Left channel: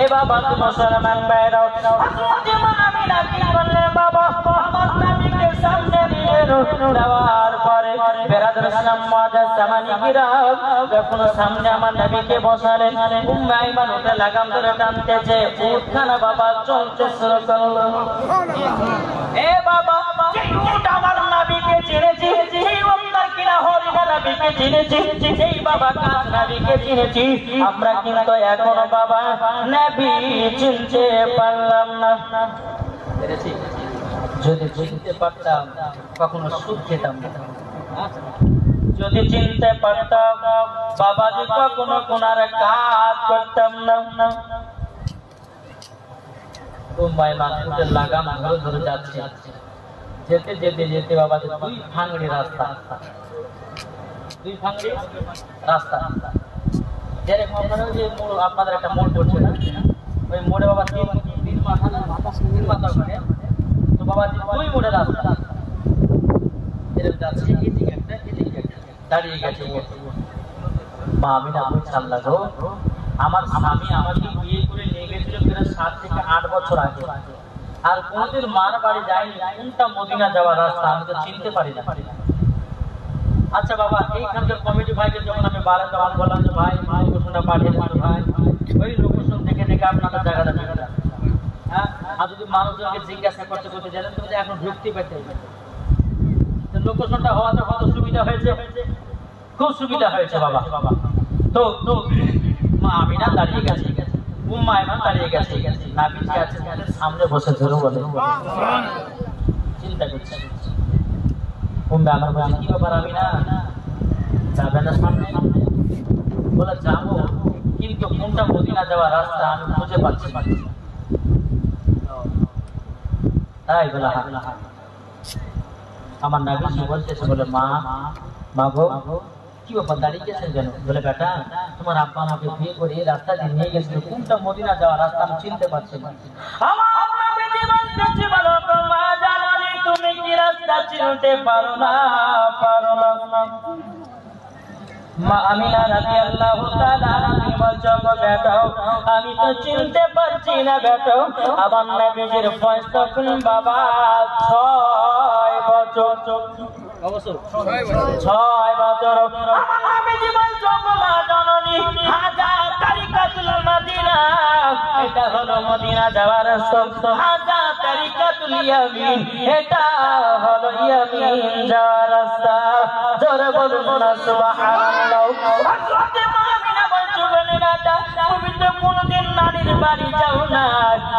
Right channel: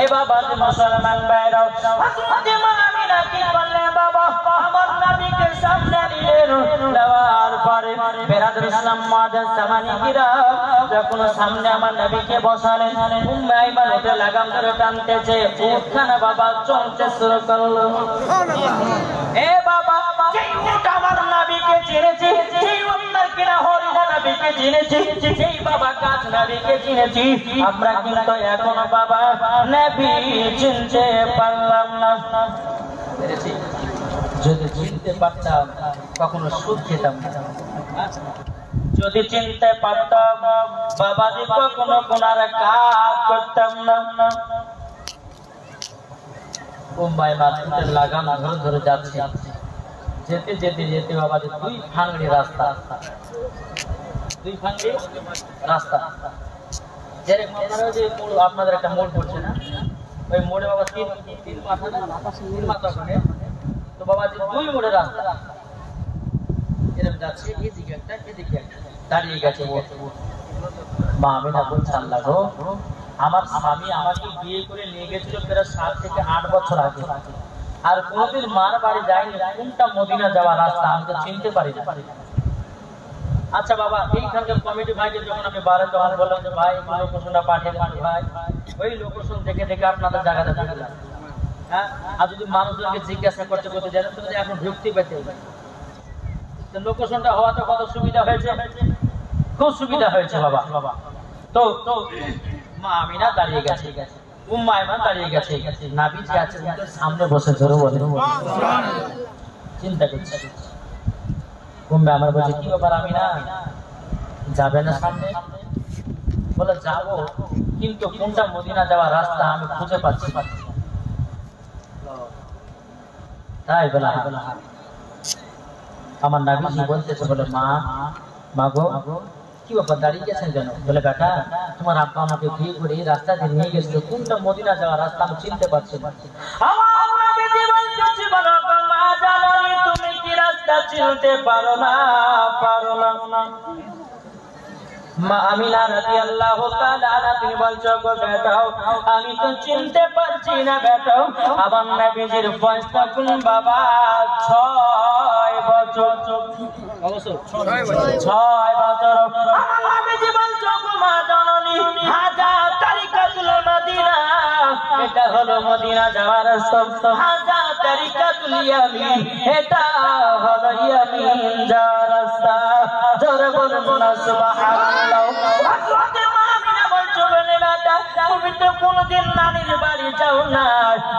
এ বাবা মুসলমান ভাইরা হযরত আমিনা কি বললেন বাবা আমার নবীকে সামনে নিয়ে যাওয়ার পরে বেরাদুল ইসলাম মুআজ্জাজ সামানি কিরাম যখন সামনে আমার নবীকে বসালেন উম্মে আইমান এটা লাগাম ধরে টানতেছে উঠখানা বাবা চলতে শুরু করলো এ বাবা যে উট আমার নবীকে চিনেছে সেই উম্মার কিনা হরিদা নবীকে চিনেছে সেই বাবা কাজ নবীকে চিনেছি আমরা কিন্তু এখনো বাবা নবী চিনতে পারলাম না যদি চিনতে পারতাম কখনো সুদ খেতাম না যদি চিনতে পারতাম বাবাজি কখনো কোনার কাজ করতাম না উম্মায় মাতুদের লাগাম ধরে ধরে যাচ্ছে যেতে যেতে যেতে বাবাজি দুই ফাংড়ি রাস্তা যেরকম আপনারা যে মোড় আপনাদের একটা মোড় করছে না ওই মোড়ে বাবা তিন মাথা ওখানে তো বাবাজি দুই মোড়ে রাস্তা এরকম যাচ্ছে এদিকে একটা দাঁড়িয়ে গেছে মা আমিনা বলছে আল্লাহ গো আমার স্বামী আমাকে বিয়ে করে নিয়ে গেছিল প্রায় 7 থেকে 8 বছর আগে আর কোনদিন মার বাড়ি যায়নি কোনটা মদিনা যাওয়ার রাস্তা আমি তো চিনতে পারি না আচ্ছা বাবা এইখানকার কমিটি ভাইকে যখন আমি বারে তখন বললাম যে ভাই লোকেশনটা পাঠিয়ে দেন ভাই ওই লোকেশন দেখে দেখে আপনাদের জায়গাটা হ্যাঁ আর যদি মানুষজনকে জিজ্ঞাসা করতে জানেন তো এখন ঢুকতে পেতে লোকেশনটা হওয়াতে কত সুবিধা হয়েছে খুব সুবিধা হয়েছে বাবা তো মা আমিনা দাঁড়িয়ে গেছে উম্মে আইমান দাঁড়িয়ে গেছে নবীজি আছে সামনে বসে ধরে বলে চিন্তা করছে উম্মে আইমান বলছে কি ব্যাপার আমিনা যাবে না সামনে বলে যাবো কিন্তু কোনটা মদিনা যাওয়ার রাস্তা আমি খুঁজে পাচ্ছি তাই বলা আমার নবীজি বলতেছে বলে মা গো কি ব্যাপার দাঁড়িয়ে গেছেন কেন বলে বেটা তোমার আব্বা আমাকে বিয়ে করে এই রাস্তা দিয়ে নিয়ে গেছিল কোনটা মদিনা যাওয়ার রাস্তা আমি চিনতে পারছি না আমার নবীজি বলতেছে বলো মা জানি তুমি কি রাস্তা চিনতে পারো না মা আমিনা রাদিয়াল্লাহু তাআলা আনহা তিনি বলছো গো বেটা আমি তো চিনতে পারছি না বেটা আমার নবীজির বয়স তখন বাবা 6 বছর অবশ্য 6 বছর আমার নবীজি বলছো গো মা জননী হাজা তারিকাতুল মদিনা এটা হলো মদিনা যাওয়ার রাস্তা হাজা তারিকাতুল ইয়ামিন এটা হলো ইয়ামিন যাওয়ার রাস্তা জোরে বলুন না সুবহানাল্লাহ হযরত আমিনা বলছো বলে বেটা তুমি তো কোনদিন নানির বাড়ি যাও না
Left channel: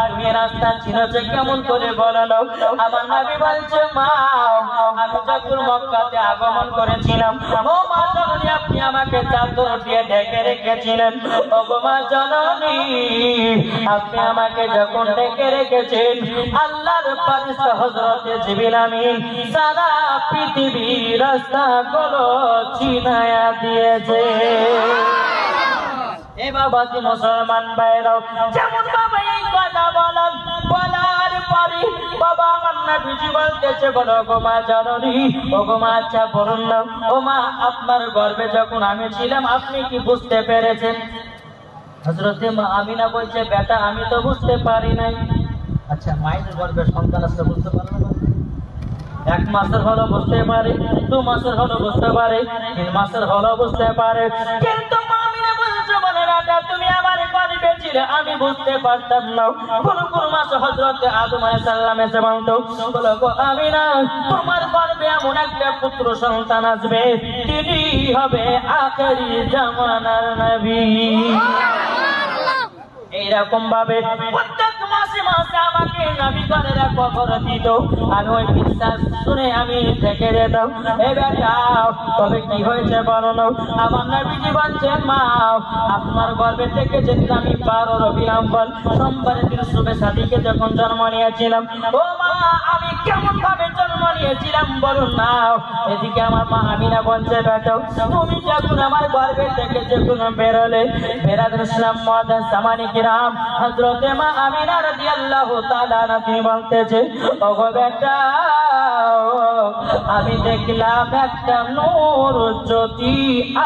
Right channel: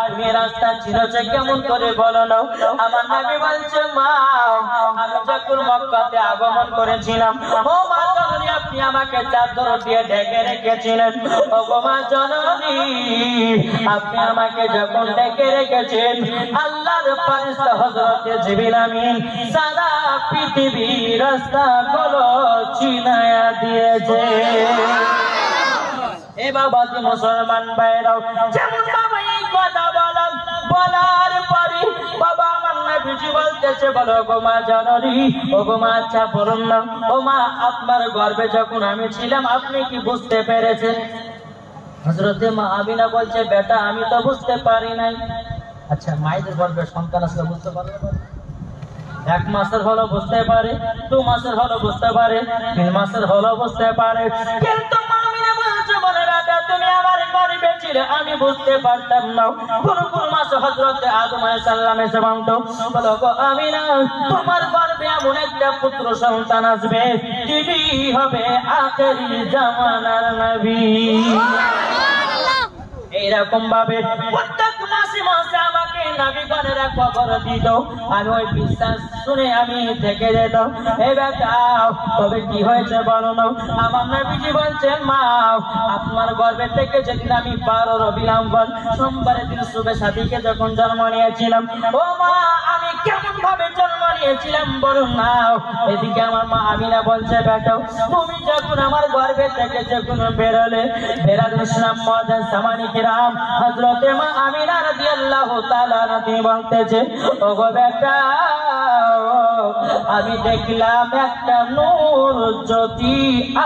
তুমি রাস্তা চিনোছে কেমন করে বলো না আমার নবী বলছে মা আমি যখন মক্কাতে আগমন করেছিলাম ও মা জননী আপনি আমাকে চাদর দিয়ে ঢেকে রেখেছিলেন ও গো মা জননী আপনি আমাকে যখন ঢেকে রেখেছেন আল্লাহর ফেরেশতা হযরত জিবরিল আমিন সারা পৃথিবীর রাস্তাগুলো চিনায়া দিয়েছে এ বাবাজি মুসলমান ভাইরা যেমন বাবা এই কথা বলার পরে বাবা আমার নবীজি বলতেছে বলো গো মা জননী ও গো মা আচ্ছা বলুন না ও মা আপনার গর্ভে যখন আমি ছিলাম আপনি কি বুঝতে পেরেছেন হযরতে মা আমিনা বলছে বেটা আমি তো বুঝতে পারি নাই আচ্ছা মায়ের গর্ভে সন্তান আসলে বুঝতে পারবে না 1 মাসের হলো বুঝতে পারে 2 মাসের হলো বুঝতে পারে 3 মাসের হলো বুঝতে পারে কিন্তু মা আমিনা বলছে বলে বেটা তুমি আমার গর্ভে ছিলে আমি বুঝতে পারতাম না কোন মাস হযরত আদম আলাইহিস সালাম এসে বলতো বলো গো আমিনা তোমার গর্ভে এমন একটা পুত্র সন্তান আসবে তিনি হবে আখেরি জামানার নবী এইরকম ভাবে প্রত্যেক মাসে আমাকে নবীগণেরা খবর দিত আর ওই বিশ্বাস শুনে আমি থেকে যেতাম এ বেটা তবে কি হয়েছে বলো না আমার নবীজি বলছে মা আপনার গর্ভে থেকে যেদিন আমি 12 রবিউল আউয়াল সোমবারের দিন শুভে সাদিকে যখন জন্ম নিয়েছিলাম ও মা আমি কেমন ভাবে জন্ম নিয়েছিলাম বলুন না এদিকে আমার মা আমিনা বলছে বেটা তুমি যখন আমার গর্ভে থেকে যখন বেরোলে বেরাদুল ইসলাম মুআজ্জাজ সামানি কিরাম হযরতে মা আমিনা রাদিয়াল্লাহু তাআলা আনহা বলতেছে ওগো বেটা আমি দেখলাম একটা নূর জ্যোতি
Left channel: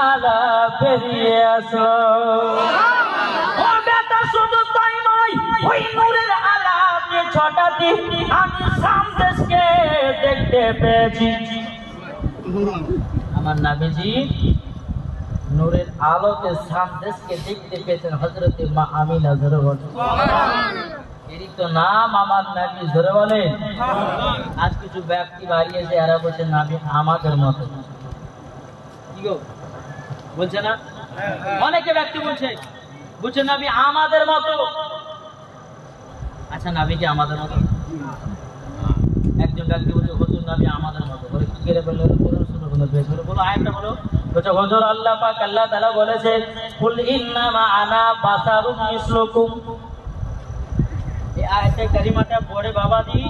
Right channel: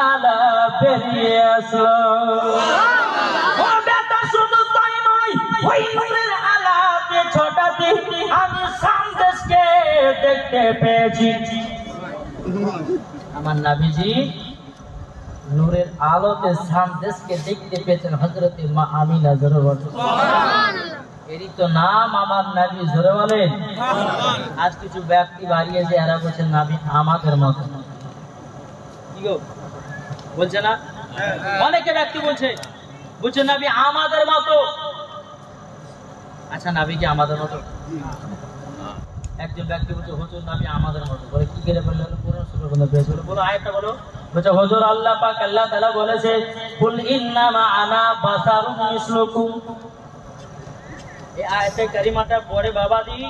আলা বেরিয়ে আসলো ও বেটা শুধু তাই আমি সন্দেশকে দেখতে পেয়েছি। আমার নবীজি নূরের আলোতে সন্দেশকে দেখতে পেয়েছেন হযরতে মা আমিনা। জোরে বলেন এরই তো নাম আমার নবী। জোরে বলেন। আজ কিছু ব্যক্তি বাড়িয়েছে, এরা বলছে নবী আমাদের মতো। কি গো বলছে না? অনেকে ব্যক্তি বলছে নবী আমাদের মতো। আচ্ছা নবী কি আমাদের মতো? একজন ব্যক্তি বলছে হুজুর নবী আমাদের মতো। বলে কি করে বললো? কোরআন শরীফে পেশ হলো। বলো আয়াতটা বলো। বলছে হুজুর আল্লাহ পাক আল্লাহ তাআলা বলেছে কুল ইন্নামা আনা বাশারুম মিসলুকুম। এই আয়াতে কারিমাটা পড়ে বাবাজি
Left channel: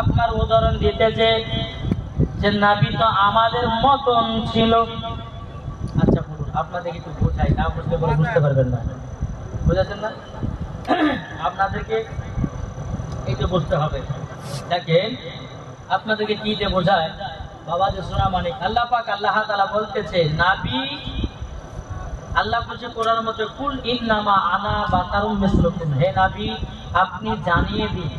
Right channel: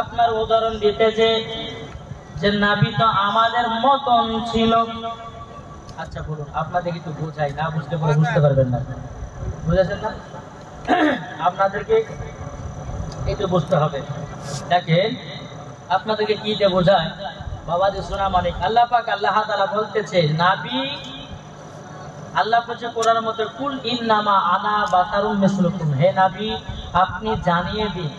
আপনার উদাহরণ দিতেছে যে নবী তো আমাদের মতন ছিল। আচ্ছা বলুন আপনাদেরকে একটু বোঝাই, না বুঝলে পরে বুঝতে পারবেন না। বুঝেছেন না? আপনাদেরকে একটু বুঝতে হবে। দেখেন আপনাদেরকে কি যে বোঝায় বাবাজি শোনা মানিক। আল্লাহ পাক আল্লাহ তাআলা বলতেছে নবী, আল্লাহ বলছে কোরআনের মধ্যে কুল ইন্নামা আনা বাশারুম মিসলুকুম। হে নবী আপনি জানিয়ে দিন।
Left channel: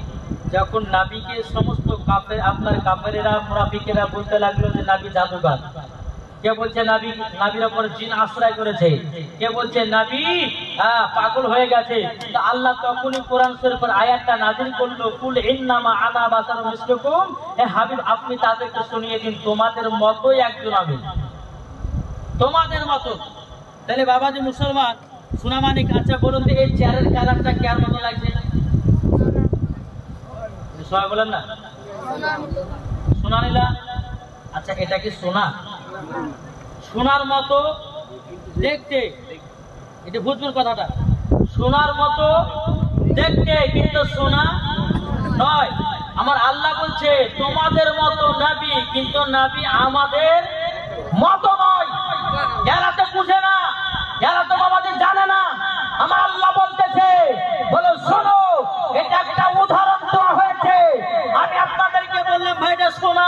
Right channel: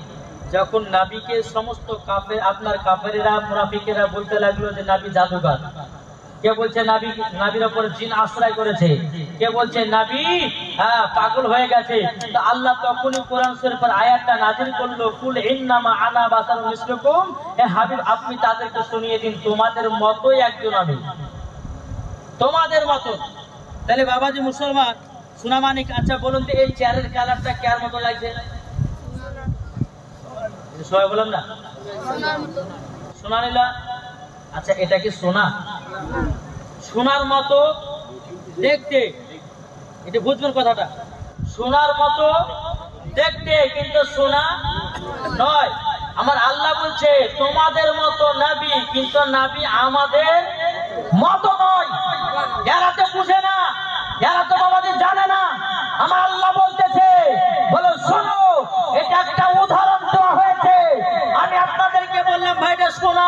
যখন নবীকে সমস্ত কাফের আপনার কাফেরেরা মুনাফিকেরা বলতে লাগলো যে নবী জাদুকর, কে বলছে নবী নবীর উপর জিন আশ্রয় করেছে, কে বলছে নবী পাগল হয়ে গেছে, তো আল্লাহ তখনই কোরআন শরীফের আয়াতটা নাযিল করলো কুল ইন্নামা আনা বাশারুম মিসলুকুম। হে হাবিব আপনি তাদেরকে শুনিয়ে দিন তোমাদের মতোই একজন আমি, তোমাদের মতো। তাহলে বাবাজি মুসলমান শোনা মানিক, আচ্ছা বলুন তো এই চেয়ারের কালারটা কার মতো লাগছে? সবাই বলেন না সোনা নীলা। আচ্ছা এটা কি সোনা? সোনার মতো দেখতে, এটা বুঝবেন কথাটা। সোনার মতো দেখতে কিন্তু সোনা নয়। আমার আল্লাহ বলছে তোমাদের মতো নবী, কিন্তু নবী আমাদের মতো নয়। এরা তো বুঝে না, এরা তো বাবাদের জানে না। আমার আল্লাহ বলতেছে বলো শোনো, এটা একটা উদাহরণ দেওয়া হয়েছে। আমি আপনাদেরকে বললাম ভাই এটা সোনা,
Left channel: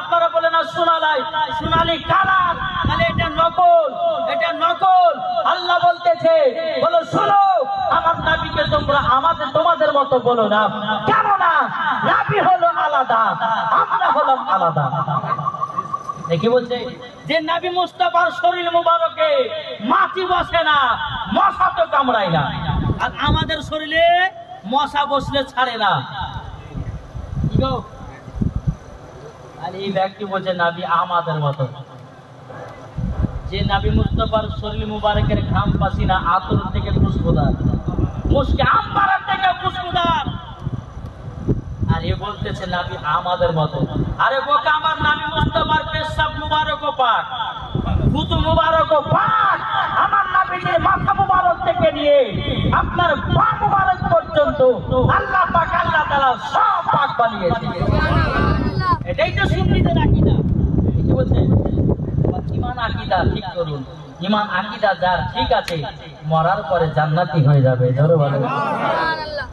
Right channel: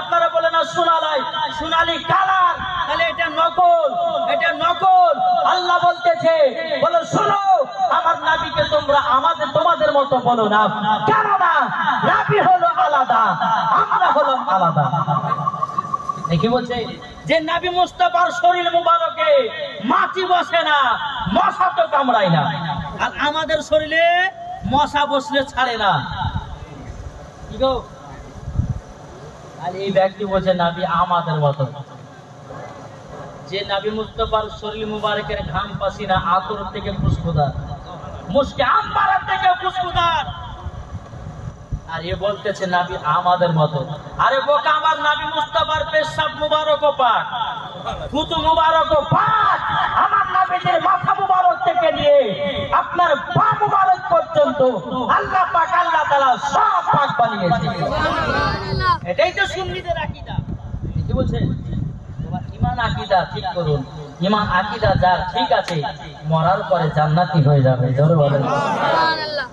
আপনারা বলে না সোনা নাই, সোনালি কালার, তাহলে এটা নকল, এটা নকল। আল্লাহ বলতেছে বলো শোনো, আমার নবীকে তোমরা আমাদের তোমাদের মতো বলো না, কেননা নবী হলো আলাদা, আমরা হলাম আলাদা। দেখি বলছে যে নবী মুস্তাফার শরীর মুবারকে মাছি বসে না, মশা তো কামড়ায় না, আর আমাদের শরীরে মশা বসলে ছাড়ে না। কি গো? আর এই ব্যক্তি বলছে নবী আমাদের মতো। যে নবী মুস্তাফার শরীর মুবারকের ঘাম পাসিনা আতর থেকে খুশবুদার, মুশকে আম্বারের থেকে খুশবুদার, আর এ বলতেছে নবী আমাদের মতো। আরে বোকা, আমার নবী মুস্তাফার পেশাব মুবারকও পাক, থুতু মুবারকও পাক। আমার নবীর মাথা মুবারক থেকে নিয়ে আপনার পা মুবারক পর্যন্ত আল্লাহ পাক আল্লাহ তাআলা সব পাক বানিয়েছে। এটাই তো সুন্নিদের আকীদা। কি বলছে? তোমার ঈমান আকীদা ঠিক করুন। ঈমান আকীদা যার ঠিক আছে মরার পরে জান্নাতি হয়ে যাবে। জোরে বলেন সুবহানাল্লাহ।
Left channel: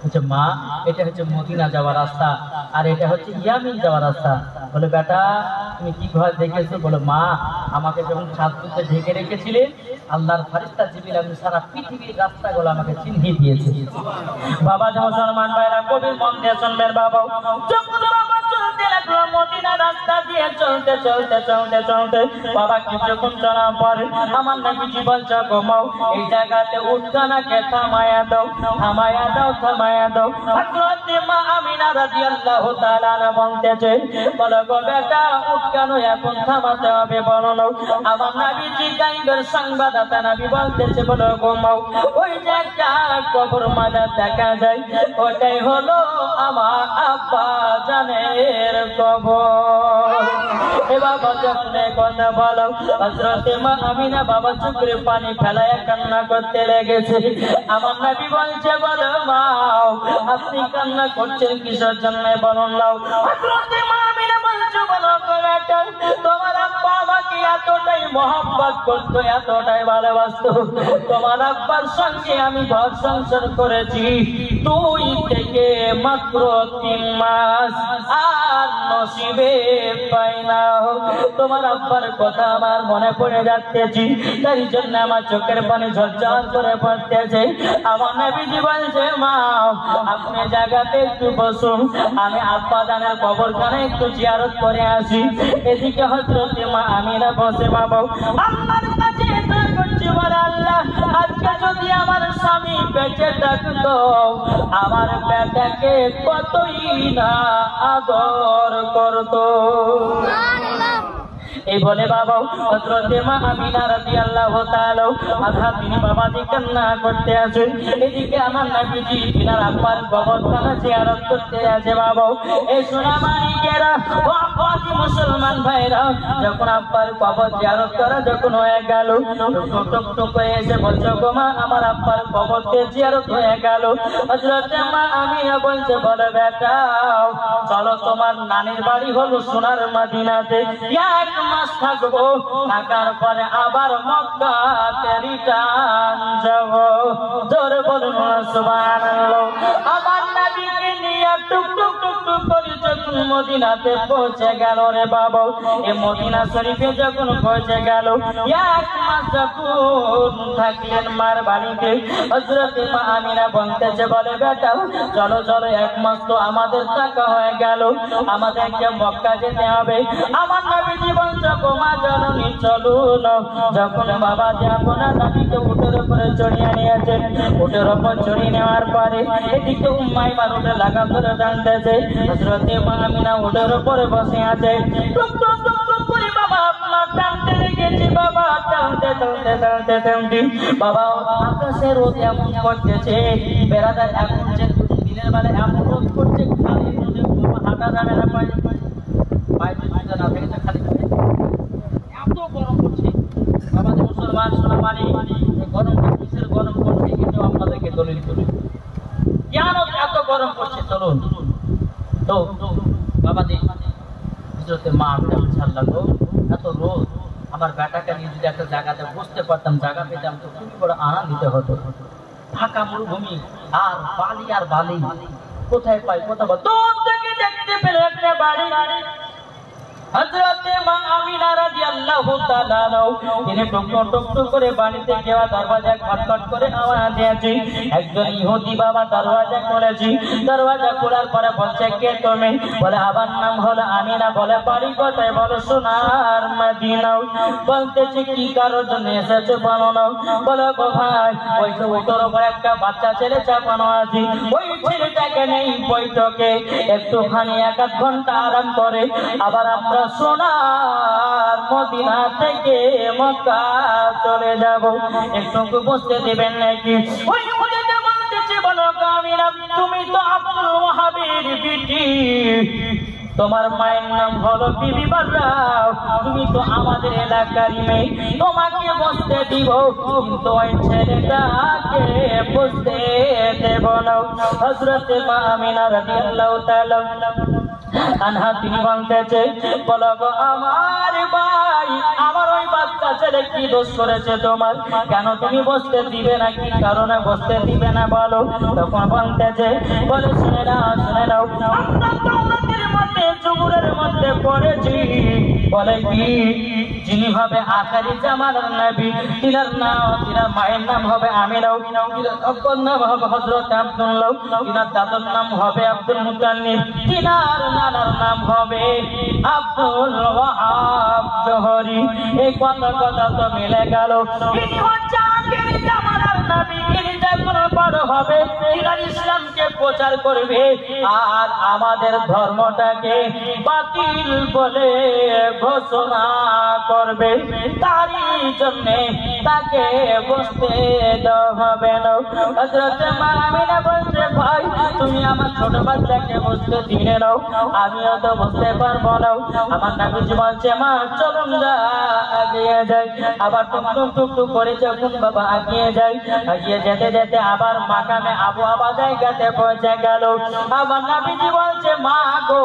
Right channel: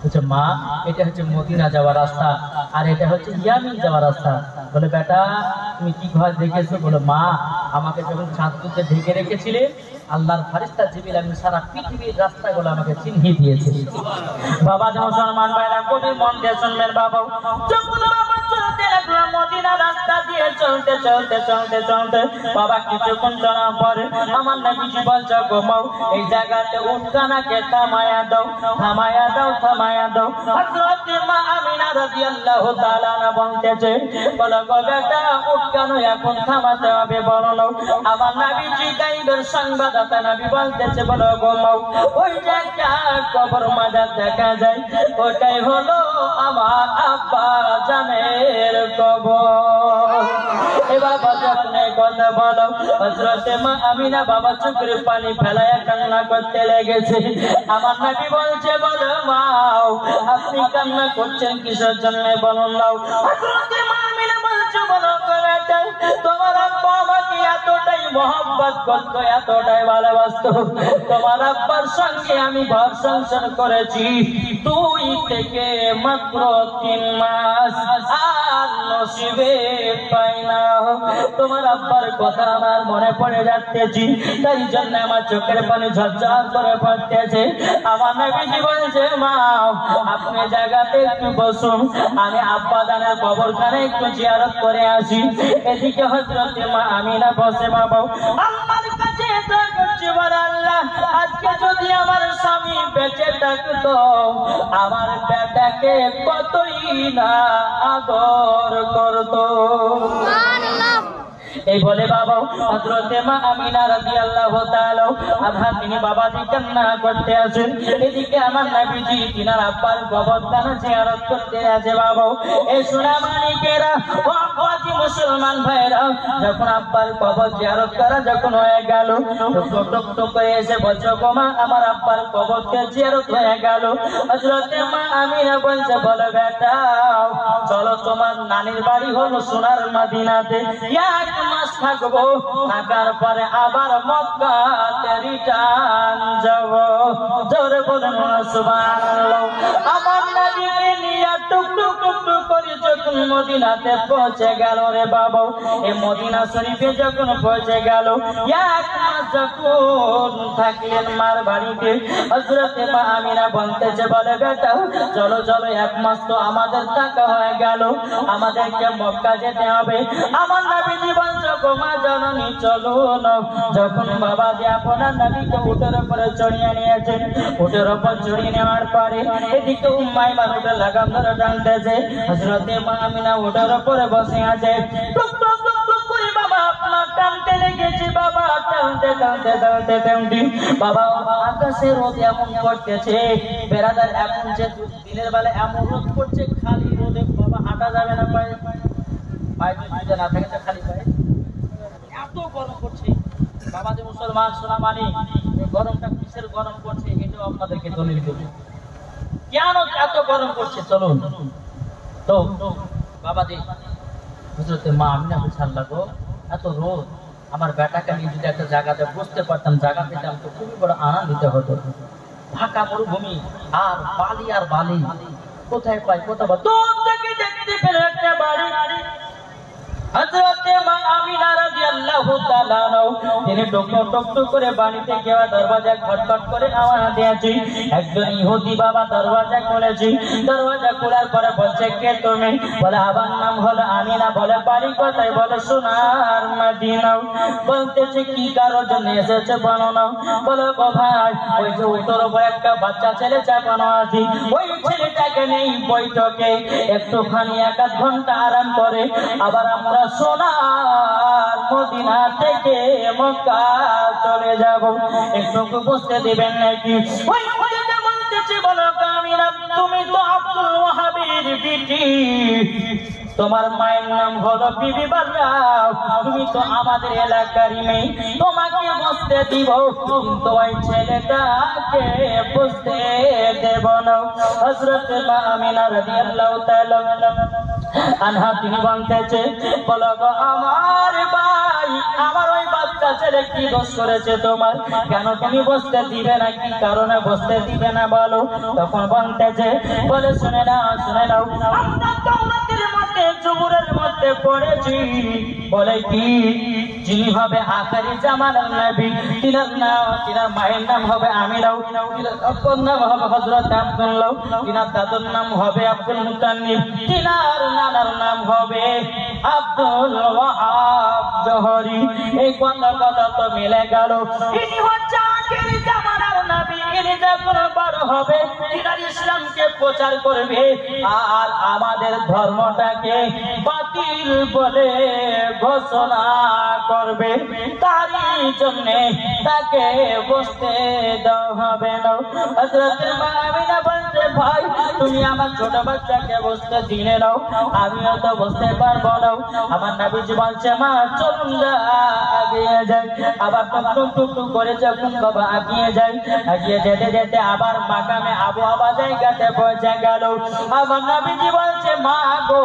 বলছে মা এটা হচ্ছে মদিনা যাওয়ার রাস্তা, আর এটা হচ্ছে ইয়ামিন যাওয়ার রাস্তা। বলে বেটা তুমি কি ঘর দেখেছো? বলে মা আমাকে যখন ছাদপুরতে ঢেকে রেখেছিলেন আল্লাহর ফেরেশতা জিবরিল আমি সারা পৃথিবীর রাস্তাগুলো আমাকে চিনিয়ে দিয়েছে। বাবা যে মুসলমান ভাইরা কবির মন দিয়ে শুনবেন। বাবা যখন বাবা চলতে লাগলো মদিনা রাস্তা দিয়ে চলতে চলতে চলতে চলতে বাবা কিছুক্ষণ চলার পরে আমার নবীজি বলছে ঘুমাও, এই জায়গাতে উঠখানাকে থামায়া দাও, থামায়া দাও, থামায়া দাও। হযরত মা আমিনা রাদিয়াল্লাহু তাআলা আনহা বলতেছে বলো গো বেটা উঠখানা এখন থামাতে হবে বলো। আমার নবীজি গায়েবের সংবাদদাতা নবী বলতেছে বলো ঘুমাও, ওই জায়গা কবর মাজার দেখা যায়, ওটাই হলো আমার আব্বা জানের কবর। এবার যখন কথা বলো হযরত মা আমিনা বাবা চোখের পানি ফেলায় কান্না করতে লেগেছে। আমার নবী বলছে বলো মা আপনি কান্না করছেন কিসের জন্য বলুন নাও। হযরত মা আমিনা বলছে বলো বেটা তোমার আব্বা আমাকে এতটাই মহব্বত করতো, এতটাই ভালোবাসতো, তোমার আব্বার সঙ্গে আমি ঘর সংসার করেছি 2 থেকে মাত্র 3 মাস, আর নসিবে পাই না। তোমার আব্বার কথা আমার মনে পড়ে যাচ্ছে, তার জন্য আমার চোখের পানি ঝরঝর করে পড়তেছে। আমার নবীজি বলছে, মা আপনি জায়গাতে একটু বসুন, আমি আব্বা জানের কবরখানে একটু জিয়ারত করে আসি। এদিকে হযরত মা আমিনা বসে বাবা আল্লাহর কাছে দোয়া করছে, বলে আল্লাহ আজকে যদি আমার স্বামী বেঁচে থাকতো আমার বেটাকে কতই না আদর করতো। এই বলে বাবা হযরত মা আমিনা রাদিয়াল্লাহু তাআলা আধা তিনি বাবাজি কান্না করতে আছেন, এদিকে আমার নবীজি তিনার আব্বার কবরখানা জিয়ারত করতে আছে। বাবা এই সোনা মানিকেরা ও আদি মুসলমান ভাইরা, যখন আব্বার কবর জিয়ারত করা যখন হয়ে গেল, টুক টুক করে এসে বলছে, মা আমার আব্বার কবরকে জিয়ারত হয়ে গেল। হযরত মা আমিনা বলছে, বলে বেটা চলো তোমার নানির বাড়ি হলো সোনার মদিনাতে, এক মাস থাকবো, থাকার পরে আবার মক্কাতে রিটার্ন যাব। জোরে বলুন সুবহানাল্লাহ। আমার নবীকে নিয়ে টুক টুক টুক টুক করে যখন মদিনাতে পৌঁছে গেল রে বাবা, এই মদিনা শরীফে যখন পৌঁছে গেল, এক মাস যখন থাকলেন মার বাড়িতে, হযরত মা আমিনা বলতেছে, বলে বেটা চলো চলো এক মাস তো আমাদের থাকা হয়ে গেল, আমাদেরকে মক্কা যেতে হবে। আমার নবীজি বলছে, মা জননী চলুন। যখন বাবা যে আপনার নবীকে উটের উপরে চড়িয়ে নিয়েছেন, উটের উপর চড়িয়ে নেওয়ার পরে এদিকে উম্মাই মানুষের লাগাম ধরে টানতেছে, হযরত মা আমিনা উটের উপরে বসে আছে। টুক টুক টুক টুক করে বাবা আপনার টানতে লেগেছে, বাবা টানতে টানতে টানতে টানতে বাবা আকাশে রোদ এমন করতেছে বেড়াদার, এখন যে দিনের বেলা এমন রোদ করছে, খালি রোদে বাবা হাঁটা যাবে না, পায়ে পায়ে যদি না থাকে খালি পায়ে এত গরম করছে। বাবা যে মুসলমান সোনা মানি গরমটা কিসের গরম করছে এটাও আপনাদেরকে দলিল করি, কেন এত গরম করছে চলুন। তো বাবা যে হযরত মা আমিনা ছাড়লাম, এত রোদ, আমার বেটাকে নিয়ে যদি একটা জায়গাতে বসতে পারতাম, জায়গা পেতাম তো খুবই বড় আনন্দিত হতো। ফাঁকা মরুভূমি আর বালি কোথায় পাই, কোথাও দূর থেকে দেখতে পেলে একটা বাড়ি। হযরত মা আমিনা রাদিয়াল্লাহু তাআলা তিনি টুক করে বাড়িতে গিয়ে দরজা খটখট করে আওয়াজ দিয়েছে। একজন ইহুদি বাবা দরজা খুলেছে, দরজা খোলার পরে বলছে, কে তুমি? বলে আমার নাম হলো আমিনা। বলে বাড়ি কোথায়? বলে সোনার মদিনা। বলতেছে কি কারোর জন্য এসেছে বলো না। বলে গো ভাই ওই যে উত্তর উপর একটা বাচ্চা ছেলে চাপানো আছে, ওই ছেলেটাকে নেই বৈঠকে একটুখানি 1-8 ঘন্টা আরাম করে আবার আমরা সোনার মদিনা থেকে মক্কা চলে যাব, একটু বুঝতে দিবেন নাকি? ওই মদিনা বলতেছে, বলো আমিনা তুমি তো আব্দুল ওয়াহাবের বিটি, তোমার মায়ের নাম হলো বিবি বাররা, তুমি তো আমাদের এলাকারই মেয়ে, তোমাকে বসতে দিব কিন্তু ওই ছেলেটাকে বসতে দেব না। হযরত মা আমিনা রাদিয়াল্লাহু তাআলা আনহা তিনি বলতেছে, বলো গো আমার ভাই, আমার ওই বাচ্চা ছেলে কি দোষ করেছে তোমার? কেন তুমি বসতে দিবে না? কি কারণে বসতে দিবে না বলো? তখন বলতেছে, বলে শুনে নাও আমরা তাওরাতের মধ্যে জুবুরের মধ্যে পড়েছি, বলে কি যিনি হবে আখিরি জামানার নবী, তিনার মায়ের নাম হবে আমিনা, তিনার আব্বার নাম হবে হযরত আব্দুল্লাহ, তিনার দাদুর নাম হবে আব্দুল মুতাল্লিব, তিনার নানার নাম হবে আব্দুল ওয়াহাব জোহরি। এই কথা তো মিলে গেল। ইনি হচ্ছে আখিরি জামানার নবী, ইনি যখন বড় হবে তিনার ইসলামকে প্রচার করবে আর আমাদের ধর্মটাকে বাতিল বলে ঘোষণা করবে, তারই জন্য তাকে বসতে দেওয়া হবে না। হযরত মা আমিনা বলছে, ভাই তুমি আমার ছোট বাচ্চাকে বসতে দিলে নাও, আমিও তো বসতে পারবো না। আমার নবীজি বলছে, মা চলুন না এগিয়ে যাই। আবার টুক করে যখন বাবা এগিয়ে যেতে যেতে আবার মাকামে আবহাওয়া জায়গাতে পৌঁছে গেল। আমার নবীজি বলছে, মা গো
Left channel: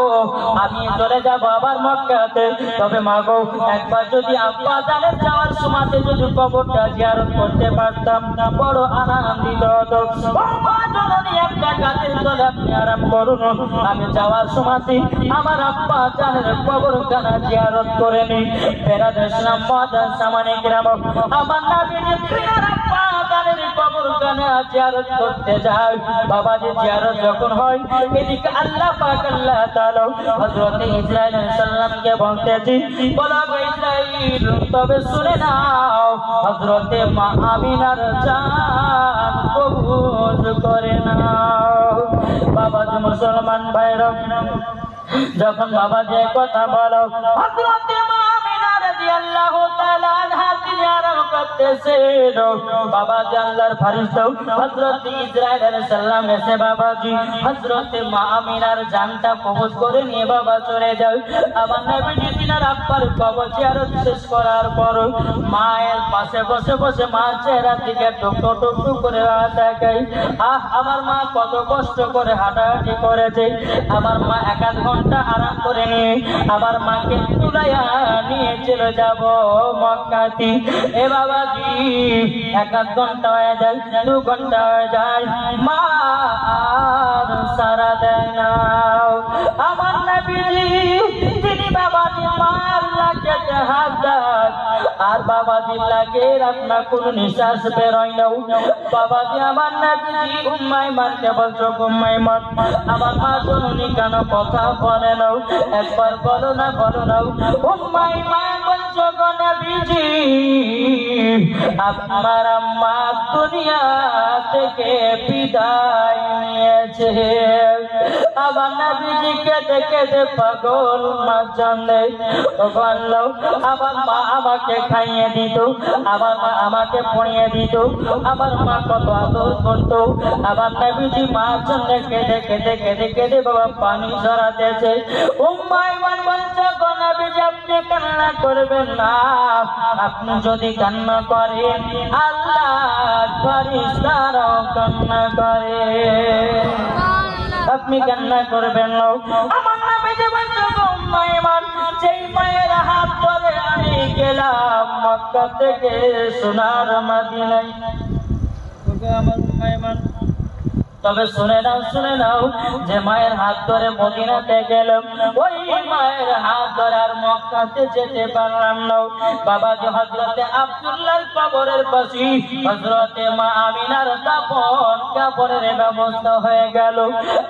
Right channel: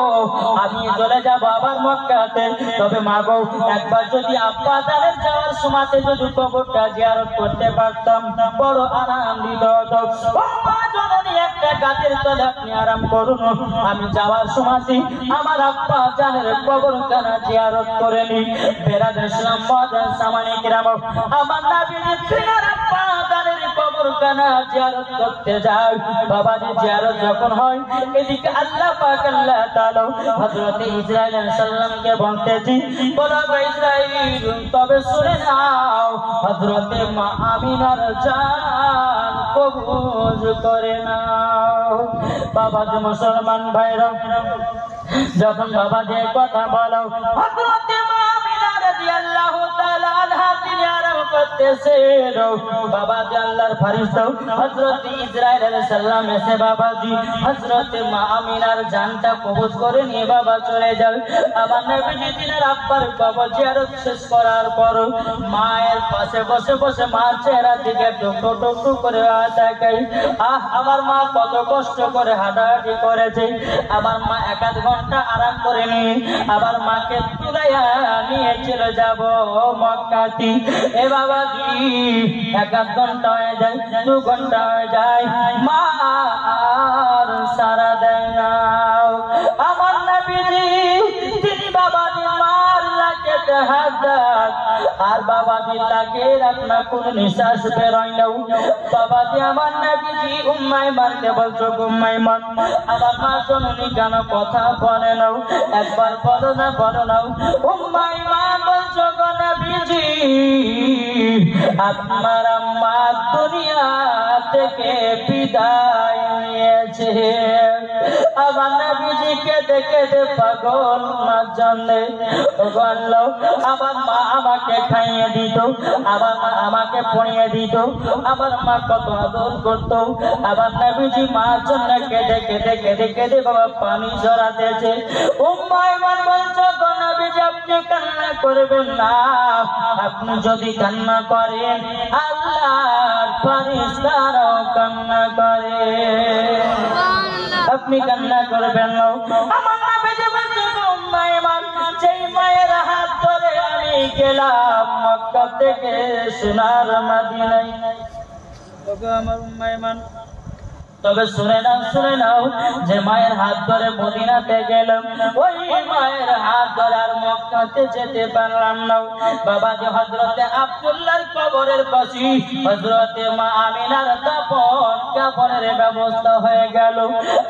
আমি চলে যাব আবার মক্কাতে, তবে মা গো একবার যদি আব্বা জানের যাওয়ার সময়তে যদি কবরটা জিয়ারত করতে পারতাম বড় আনন্দিত হতো। মা জননী একটা গাছের বলে আপনি আরাম করুন, আমি যাওয়ার সময় আমার আব্বা জানের কবরখানা জিয়ারত করে নি। বেরাদ ইসলাম মুআজ্জাজ সামানে কিরাম, আমার নবীজি প্রিয় আব্বা জানের কবরখানা জিয়ারত করতে যায়। বাবাজি জিয়ারত যখন হয়, এদিকে আল্লাহ পাক আল্লাহ তাআলা হযরত ইসরাইল আলাইহিস সালামকে বলতেছি, বলো ইসরাইল তবে শুনে নাও, হযরত মা আমিনার জান কবুল করে নাও। বাবাজি মুসলমান ভাইরা, যখন বাবাজি কথা বলো, হযরত মা আমিনা রাদিয়াল্লাহু তাআলা আনহা তিনি আরাম করতেছেন। বাবাজি আল্লাহর ফেরেশতা হযরত ইসরাইল আলাইহিস সালাম এসে বাবাজি হযরত মা আমিনার জানটা কবজ করে নিয়ে বাবা চলে যায়। আমার নবীজি তিনার আব্বার কবর জিয়ারত শেষ করার পর মায়ের পাশে বসে বসে মার চেহারা দিকে টুকটু টুকটু করে তাকাই। আমার মা কত কষ্ট করে হাঁটাহাঁটি করেছে, আমার মা 1 ঘন্টা আরাম করে নি, আমার মাকে তুলাইয়া নিয়ে চলে যাব মক্কাতে। এ বাবাজি 1 ঘন্টা হয়ে যায়, 2 ঘন্টা হয়ে যায়, মা আর সারা দেয় না। আমার নবীজি তিনি বাবাজি মার লাগতে হাত দেন, আর বাবাজি লাগে আপনার কোন নিঃশ্বাস বেরোয় না। বাবাজি আমার নবীজি উম্মাই মানতে বলছো, উম্মাই মান আমার মা জননী কেন কথা বলে না? একবার বলো না, বলো না, উম্মাই মান বলছো গো নবীজি আপনার আম্মা দুনিয়া থেকে বিদায় নিয়েছে। আমার নবীজিকে দেখে যে পাগল মা জানে, আমার মা আমাকে খাইয়ে দিত, আমার মা আমাকে পড়িয়ে দিত, আমার মা কত আদর করত। আমার নবীজি মার জন্য কেঁদে কেঁদে কেঁদে কেঁদে বাবা পানি ঝরাতেছে। উম্মাই মান বলছো গো নবীজি আপনি কান্না করবেন না, আপনি যদি কান্না করেন আল্লাহর ফেরেশতারাও কান্না করে, আপনি কান্না করবেন না। আমার নবীজি বলছো গো উম্মাই মান, যেই মায়ের হাত ধরে আমি গেলাম মক্কা থেকে সোনার মদিনায়, ওগো আমার উম্মাই মান তবে শুনে নাও যে মায়ের হাত ধরে মদিনাতে গেলাম, ওই মায়ের হাত ধরে আর মক্কাতে যেতে পারলাম না। বাবাজি হযরতে আব্দুল্লাহর কবরের পাশে হযরতে মা আমিনার কাপড়ের ব্যবস্থা হয়ে গেল।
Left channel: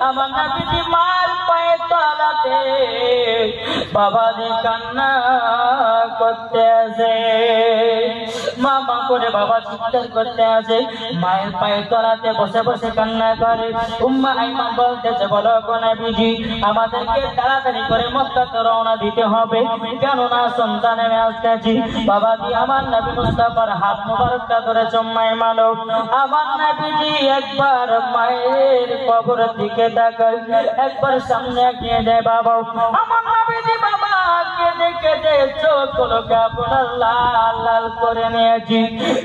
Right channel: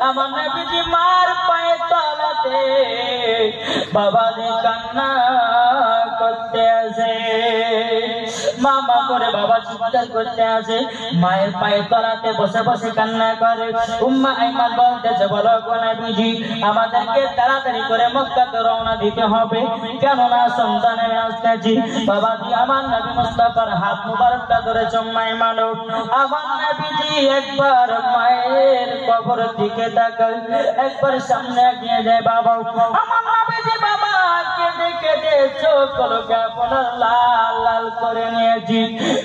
আমার নবীজি মার পায়ে তলাতে বাবাজি কান্না করতে আসে, মামা করে বাবা চিৎকার করতে আসে, মায়ের পায়ে তলাতে বসে বসে কান্না করে। উম্মা আইমান বলতেছে, বলো গো নবীজি আমাদেরকে তাড়াতাড়ি করে মক্কাতে রওনা দিতে হবে, কেননা সন্তানের আসতেছি। বাবাজি আমার নবী মুস্তাফার হাত মুবারকটা ধরে চম্মাই মানো। আমার নবীজি একবার মায়ের কবরের দিকে তাকায়, একবার সামনে এগিয়ে যায়। বাবা আমার নবীজি বাবা কেঁদে কেঁদে চোখগুলো কেমন লাল লাল করে নিয়েছি।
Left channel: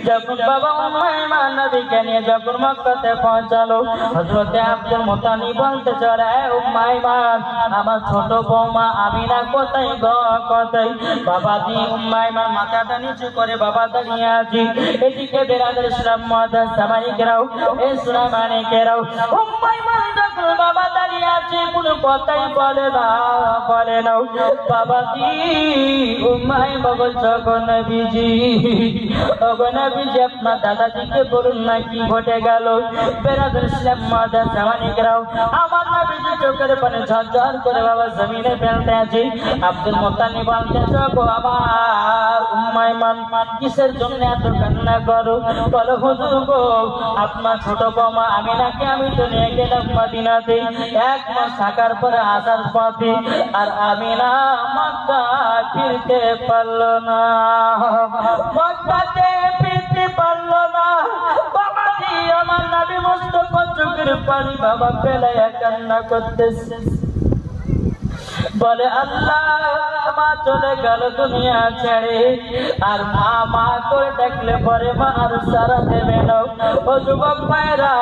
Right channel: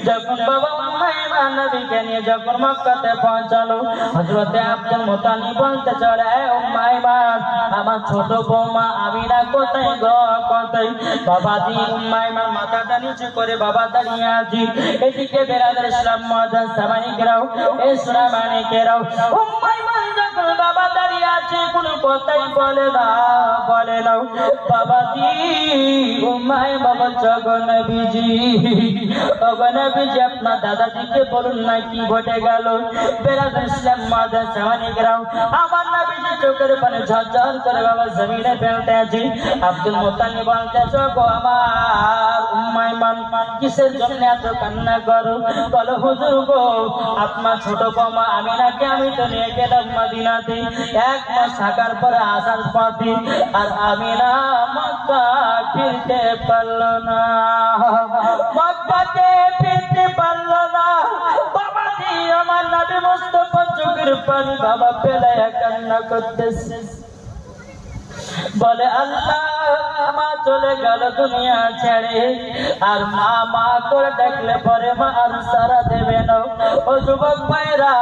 যখন বাবা উম্মাইমান নবীকে নিয়ে যখন মক্কাতে পৌঁছালো, হযরতে আব্দুল মুত্তালিব বলতে চলে, উম্মাইমান আমার ছোট বৌমা আমিনা কোথায় গো কোথায়? বাবাজি উম্মাইমান মাথাটা নিচু করে বাবা দাঁড়িয়ে আছি। এদিকে বেরাদার ইসলাম মুআজ্জাজ সামাইকেরাও এই সুনামানিকেরাও উম্মাইমান যখন বাবা দাঁড়িয়ে আছে কোনো কথাই বলে না, বলে না। বাবাজি উম্মাইমা বলছো গো নবীজি, ও গো নবীজি আপনার দাদাজিকে বলুন না কি ঘটে গেল। বেরাদার ইসলাম মুআজ্জাজ সামাইকেরাও আমার নবীজি চোখের পানি ঝরঝর করে বাবা জমিনে ফেলতে আছে। আব্দুল মুত্তালিব বলতেছে, গো আমার উম্মাইমান কিসের জন্য এত কান্না করো? বলো হুজুর গো আপনার ছোট বৌমা আমিনাকে আমি তো নিয়ে গেলাম মদিনাতে, 1 মাস থাকার পরে আসার পথে আর আমিনা মক্কা ফিরতে পারলো না, মক্কাতে ফিরতে পারলো না। বাবাজি আমার নবী মুস্তাফা চোখের পানি বাবা ফেলাইয়া কান্না করতেছে, বলে আল্লাহ মা চলে গেল দুনিয়া ছেড়ে, আর মা করে ডাকলে পরে মা আর সারা দেবে না। ও যুবক ভাইরা,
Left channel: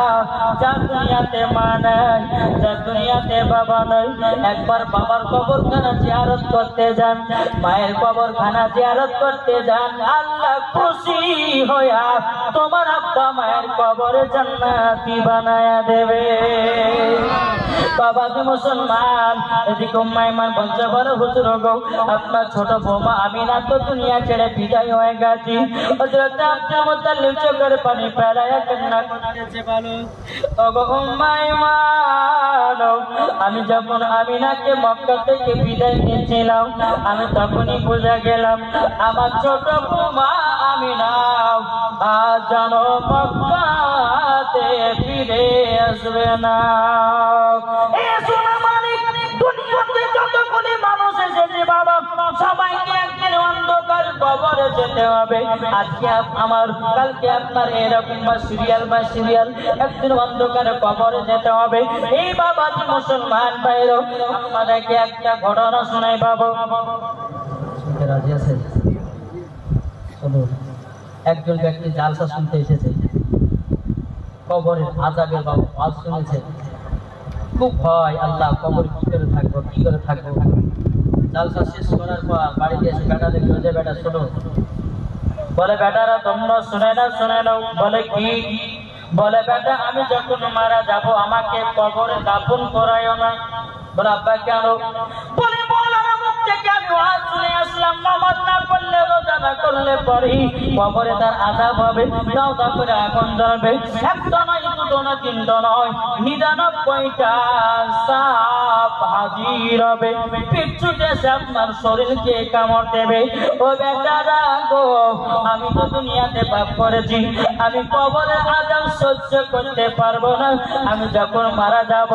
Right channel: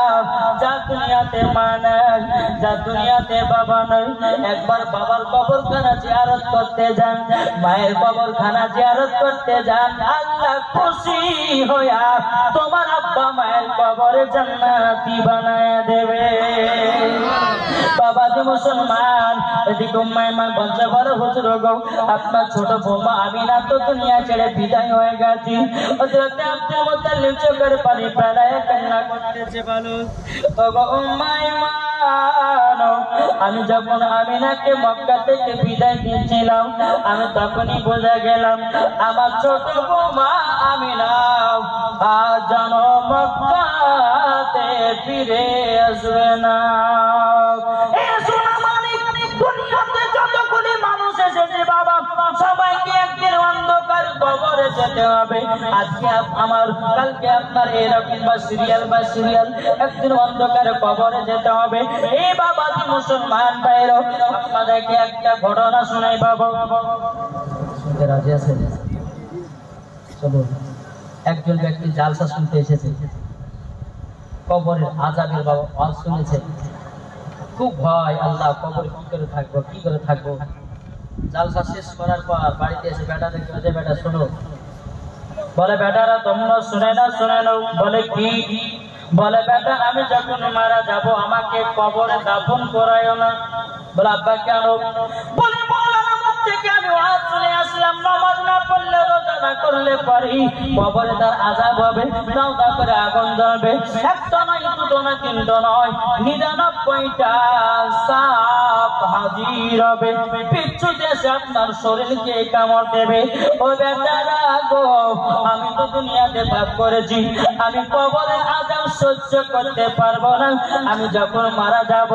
যা দুনিয়াতে মা নাই, যা দুনিয়াতে বাবা নাই, একবার বাবার কবরখানা জিয়ারত করতে যান, মায়ের কবরখানা জিয়ারত করতে যান, আল্লাহ খুশি হইয়া তোমার আব্বা মায়ের কবরে জান্নাতি বানায়া দেবে। বাবা যে মুসলমান এদিকে উম্মাইমান বলছে বলো হুজুর গো আপনার ছোট বৌমা আমিনা তো দুনিয়া ছেড়ে বিদায় হয়ে গেছে। হযরত আব্দুল মুত্তালিব চোখের পানি ফেলায় কান্না করতেছে। বলো ওগো উম্মাইমান আমি যখন আমিনাকে মক্কা থেকে বিদায় নিয়েছিলাম আমি তখনই বুঝে গেলাম আমার ছোট বৌমা আমিনা আজ যেন মক্কাতে ফিরে আসবে না। দুনিয়াতে যতগুলি মানুষ এসেছে বাবা সবাইকে একদিন অন্ধকার কবরে যেতে হবে। আজকে আমার কালকে আপনার এরকম বা সিরিয়াল একদিন অন্ধকার কবরে যেতে হবে। এই বাবাজি মুসলমান ভাইরা আমাদেরকে একটা ঘটনা শোনাই বাবা। শুনতে রাজি আছেন? চলো, একজন ব্যক্তি জালসা শুনতে এসেছে, কবরের আযাবের বাবা ওয়াজ শুনেছে, খুব ভয় আল্লাহ কবর কি করে থাকবো। জালসা শেষ করার পর বাড়িতে এসে বেটা দেখলো যে বেটা শোনো, বলে বেটারা তোমরা শুনে নাও। বলে কি? বলে বেটা আমি যখন মারা যাব আমাকে কবরে দাফন করায়ও না। বলে আব্বা কেন? বলে থেকে আমি ওয়াজ শুনে আসলাম নামাজ না পড়লে রোজা না করলে পরে কবরে তার আযাব হবে, দাও করে আগুন জ্বলবে। একটা নয় দুটো না তিনটা নয় 99টা সাপ হাজির হবে, পিছু দেশে আপনার শরীরকে কামড় দেবে। ও বেটারা গো আমি তো দুনিয়াতে পাপ করেছি, আমি কবরে আযাব সহ্য করতে পারবো না। আমি যখন মারা যাব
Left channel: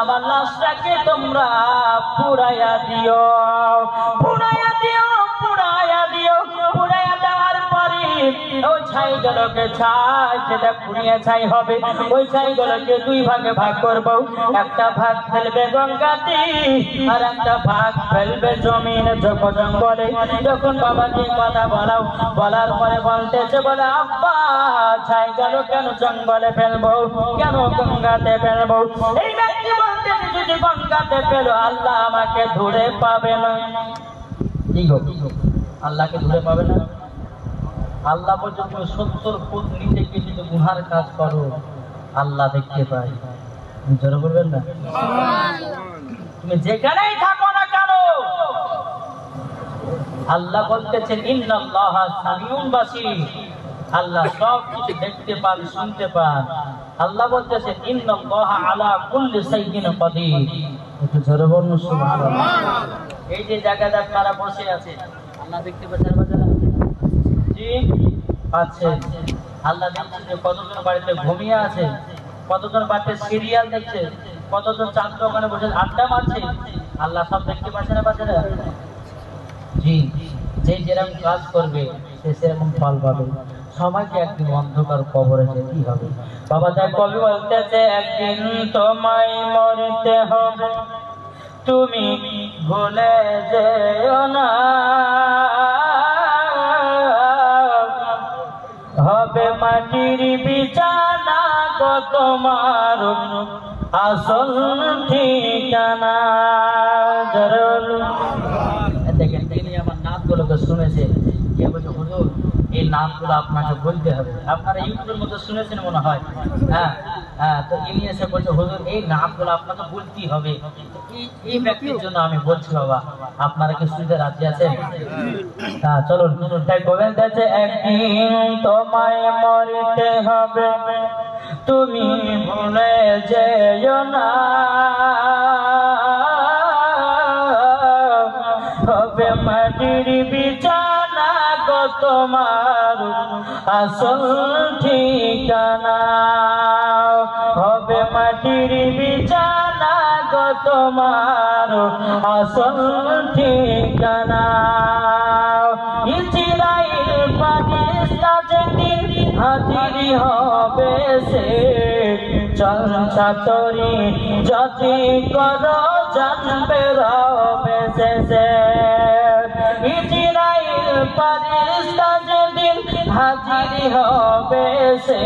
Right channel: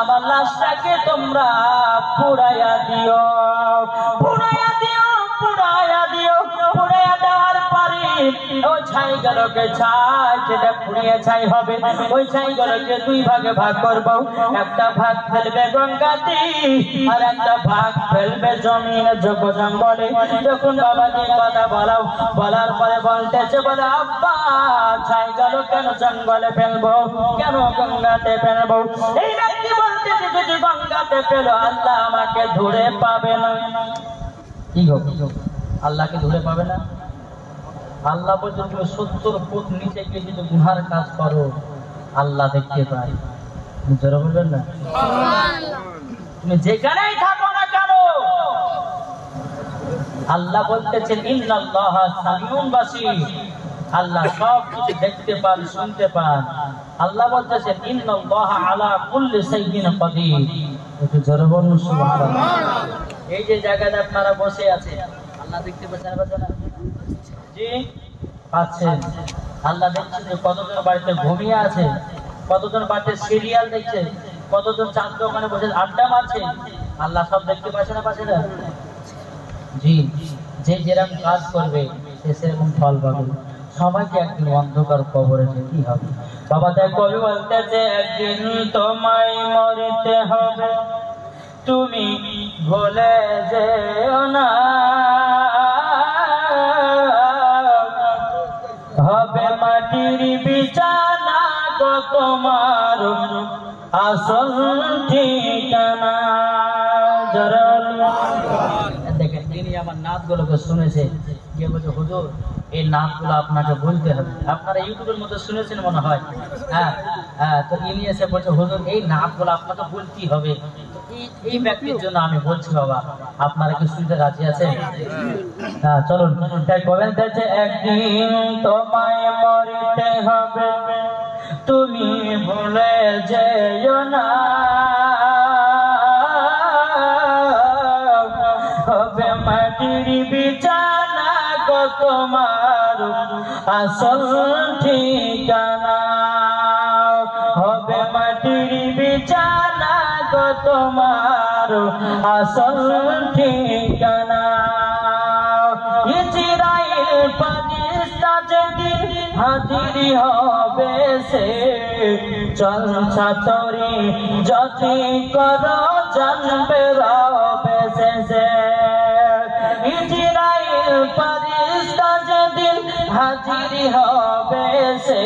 আমার লাশটাকে তোমরা পুড়াইয়া দিও। পুড়াইয়া দেওয়ার পরে ওই ছাইগুলোকে যেটা পুড়িয়ে ছাই হবে ওই ছাইগুলোকে দুই ভাগে ভাগ করবো। একটা ভাগ ফেলবে গঙ্গাতে আর একটা ভাগ ফেলবে জমিনে জঙ্গলে। যখন বাবাকে কথা বলার পরে বলতেছে বলে আব্বা ছাইগুলো কেন জঙ্গলে ফেলবো, কেন গঙ্গাতে ফেলবো? এই ব্যক্তি বলতেছে যদি গঙ্গাতে ফেলো আল্লাহ আমাকে ধরে পাবে না। কি হোক আল্লাহকে ধরে পাবে না? আল্লাহ বলছে তুমি 70 ফুট নিচে গিয়ে যদি গুনার কাজ করো আল্লাহ দেখতে পায়। জোরে বলবেন না? তুমি যেখানেই থাকো না কেন আল্লাহ বলতেছেন ইন্নাল্লাহা সামিউন বাসীর, আল্লাহ সব কিছু দেখতে পান শুনতে পান। আল্লাহ বলতেছেন ইন্নাল্লাহা আলা কুল্লি শাইইন কাদির। একটু জোরে বলুন সুবহানাল্লাহ। এই যে জায়গাতে আপনারা বসে আছেন আল্লাহ দেখতে পাচ্ছেন? জি পাচ্ছেন। আল্লাহ দেখছেন যে কতজন বাড়িতে ঘুমিয়ে আছে, কতজন বাড়িতে সিরিয়াল দেখছে, কতজন চার দোকানে বসে আড্ডা মারছে। আল্লাহ সব দেখতে পাচ্ছে না পাচ্ছে না? জি, যে যেরকম কাজ করবে সে সেরকম ফল পাবে। সবাইকে একদিন অন্ধকার কবরে যেতেই হবে বাবা। তাই কবি বলতেছে একদিন তোমায় মরতে হবে তুমি ভুলে যেও না, হবে মাটির বিছানা গো তোমার আসল ঠিকানা। দেখেন তিনি আমার নাতগুলোকে শুনেছে, কে বলছে হুজুর এই নাতগুলো আপনাকে বলতে হবে। আপনারা ইউটিউবের মধ্যে শুনেছেন মনে হয়। হ্যাঁ তো ইনি এসে বলছে হুজুর এই নাতগুলো আপনাকে বলতেই হবে। এই ব্যক্তির জন্য আমি বলছি বাবা, আপনারা কি শুনতে রাজি আছেন? হ্যাঁ চলুন। কবেন দেখছে একদিন তোমায় মরতে হবে তুমি ভুলে যেও না, হবে মাটির বিছানা গো তোমার আসল ঠিকানা, হবে মাটির বিছানা গো তোমার আসল ঠিকানা। ইসরাইল পাকিস্তা যেদিন হাজির হবে সে চল ছাতরি যদি কর জানবে রবে সে। ইসরাইল পাকিস্তা যেদিন হাজির হবে সে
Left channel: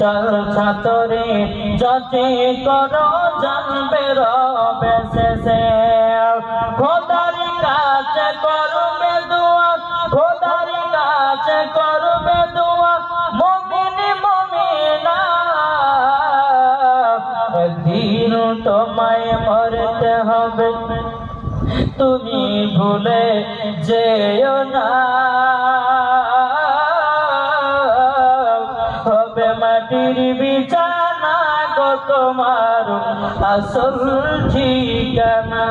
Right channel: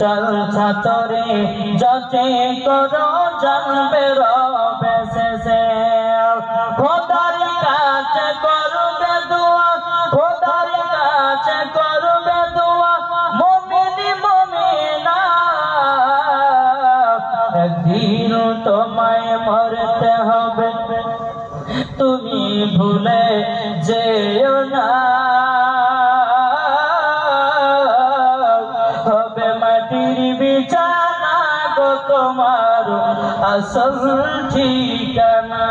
চল ছাতরি যদি কর জানবে রবে সে। খোদার কাছে করবে দোয়া, খোদার কাছে করবে দোয়া মুমিন মুমিনা, একদিন তোমায় মরতে হবে, তুমি ভুলে যেও না। হবে মাটির বিছানা গো তোমার আসল ঠিকানা।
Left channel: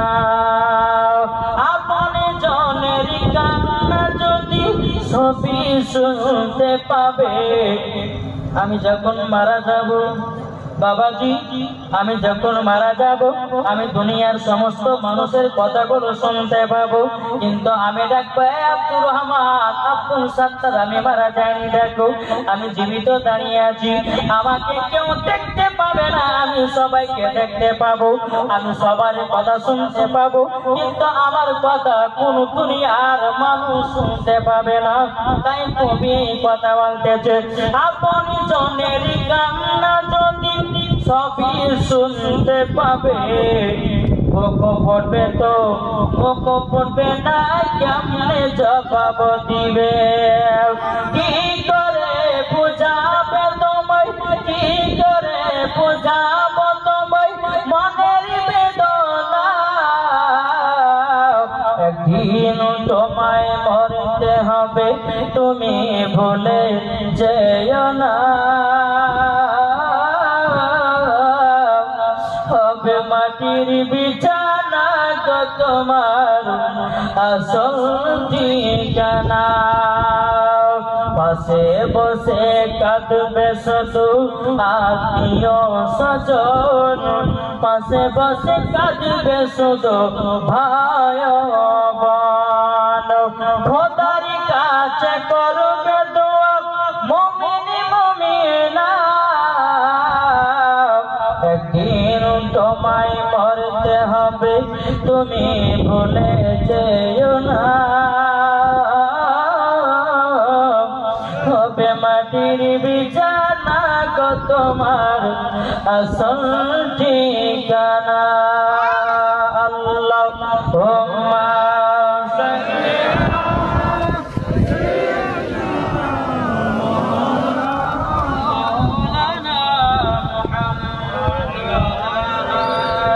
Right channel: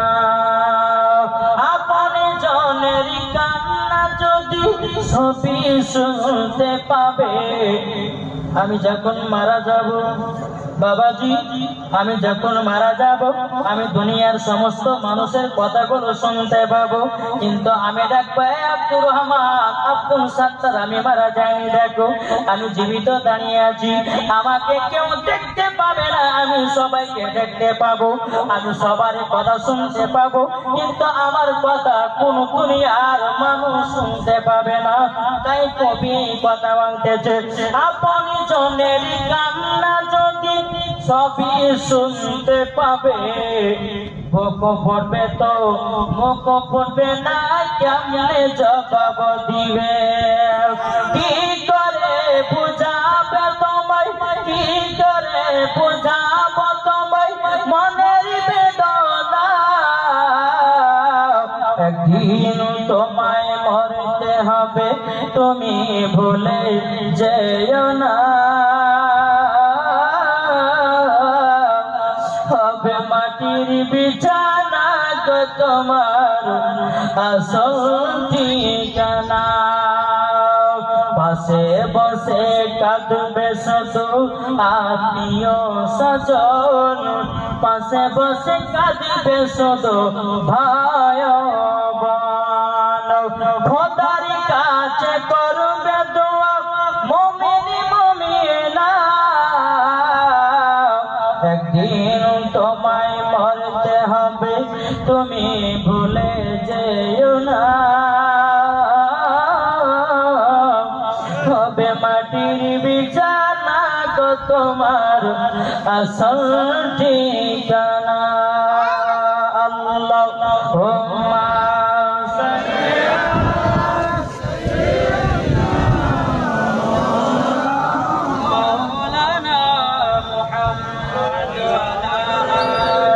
আপনি জনের কান্না যদি সবই শুনতে পাবে, আমি যখন মারা যাব বাবাজি, আমি যখন মারা যাব, আমি দুনিয়ার সমস্ত মানুষের কথাগুলো শুনতে পাবো, কিন্তু আমি দেখবো আব্দুর রহমান, আব্দুল সত্তার আমি মারা যাইনি, দেখো আমি জীবিত দাঁড়িয়ে আছি, আমাকে কেউ দেখতে পাবে না, আমি সবাইকে দেখতে পাবো, আমি সবার কথা শুনতে পাবো, কিন্তু আমার কথা কোন দুনিয়ার মানুষ শুনতে পাবে না। তাই তুমি কথা বলতেছে, আপনি জনের কান্না যদি সবই শুনতে পাবে, মুখ পড়বে তো মুখ পড়বে না, কেমনে জবাব দিবে? কি করে বুঝাবে তোমায়, কি করে বুঝাব তোমায় মনের বেদনা? একদিন তোমায় মরতে হবে, তুমি ভুলে যেও না। হবে মাটির বিছানা গো তোমার আসল ঠিকানা। পাশে বসে কাঁদবে শুধু আত্মীয় স্বজন, পাশে বসে কাঁদবে শুধু ভাই বোন। খোদার কাছে করবে দোয়া মুমিন মুমিনা, একদিন তোমায় মরতে হবে, তুমি ভুলে যেও না। হবে মাটির বিছানা গো তোমার আসল ঠিকানা। আল্লাহুম্মা সাল্লি মাওলানা মুহাম্মদ ওয়া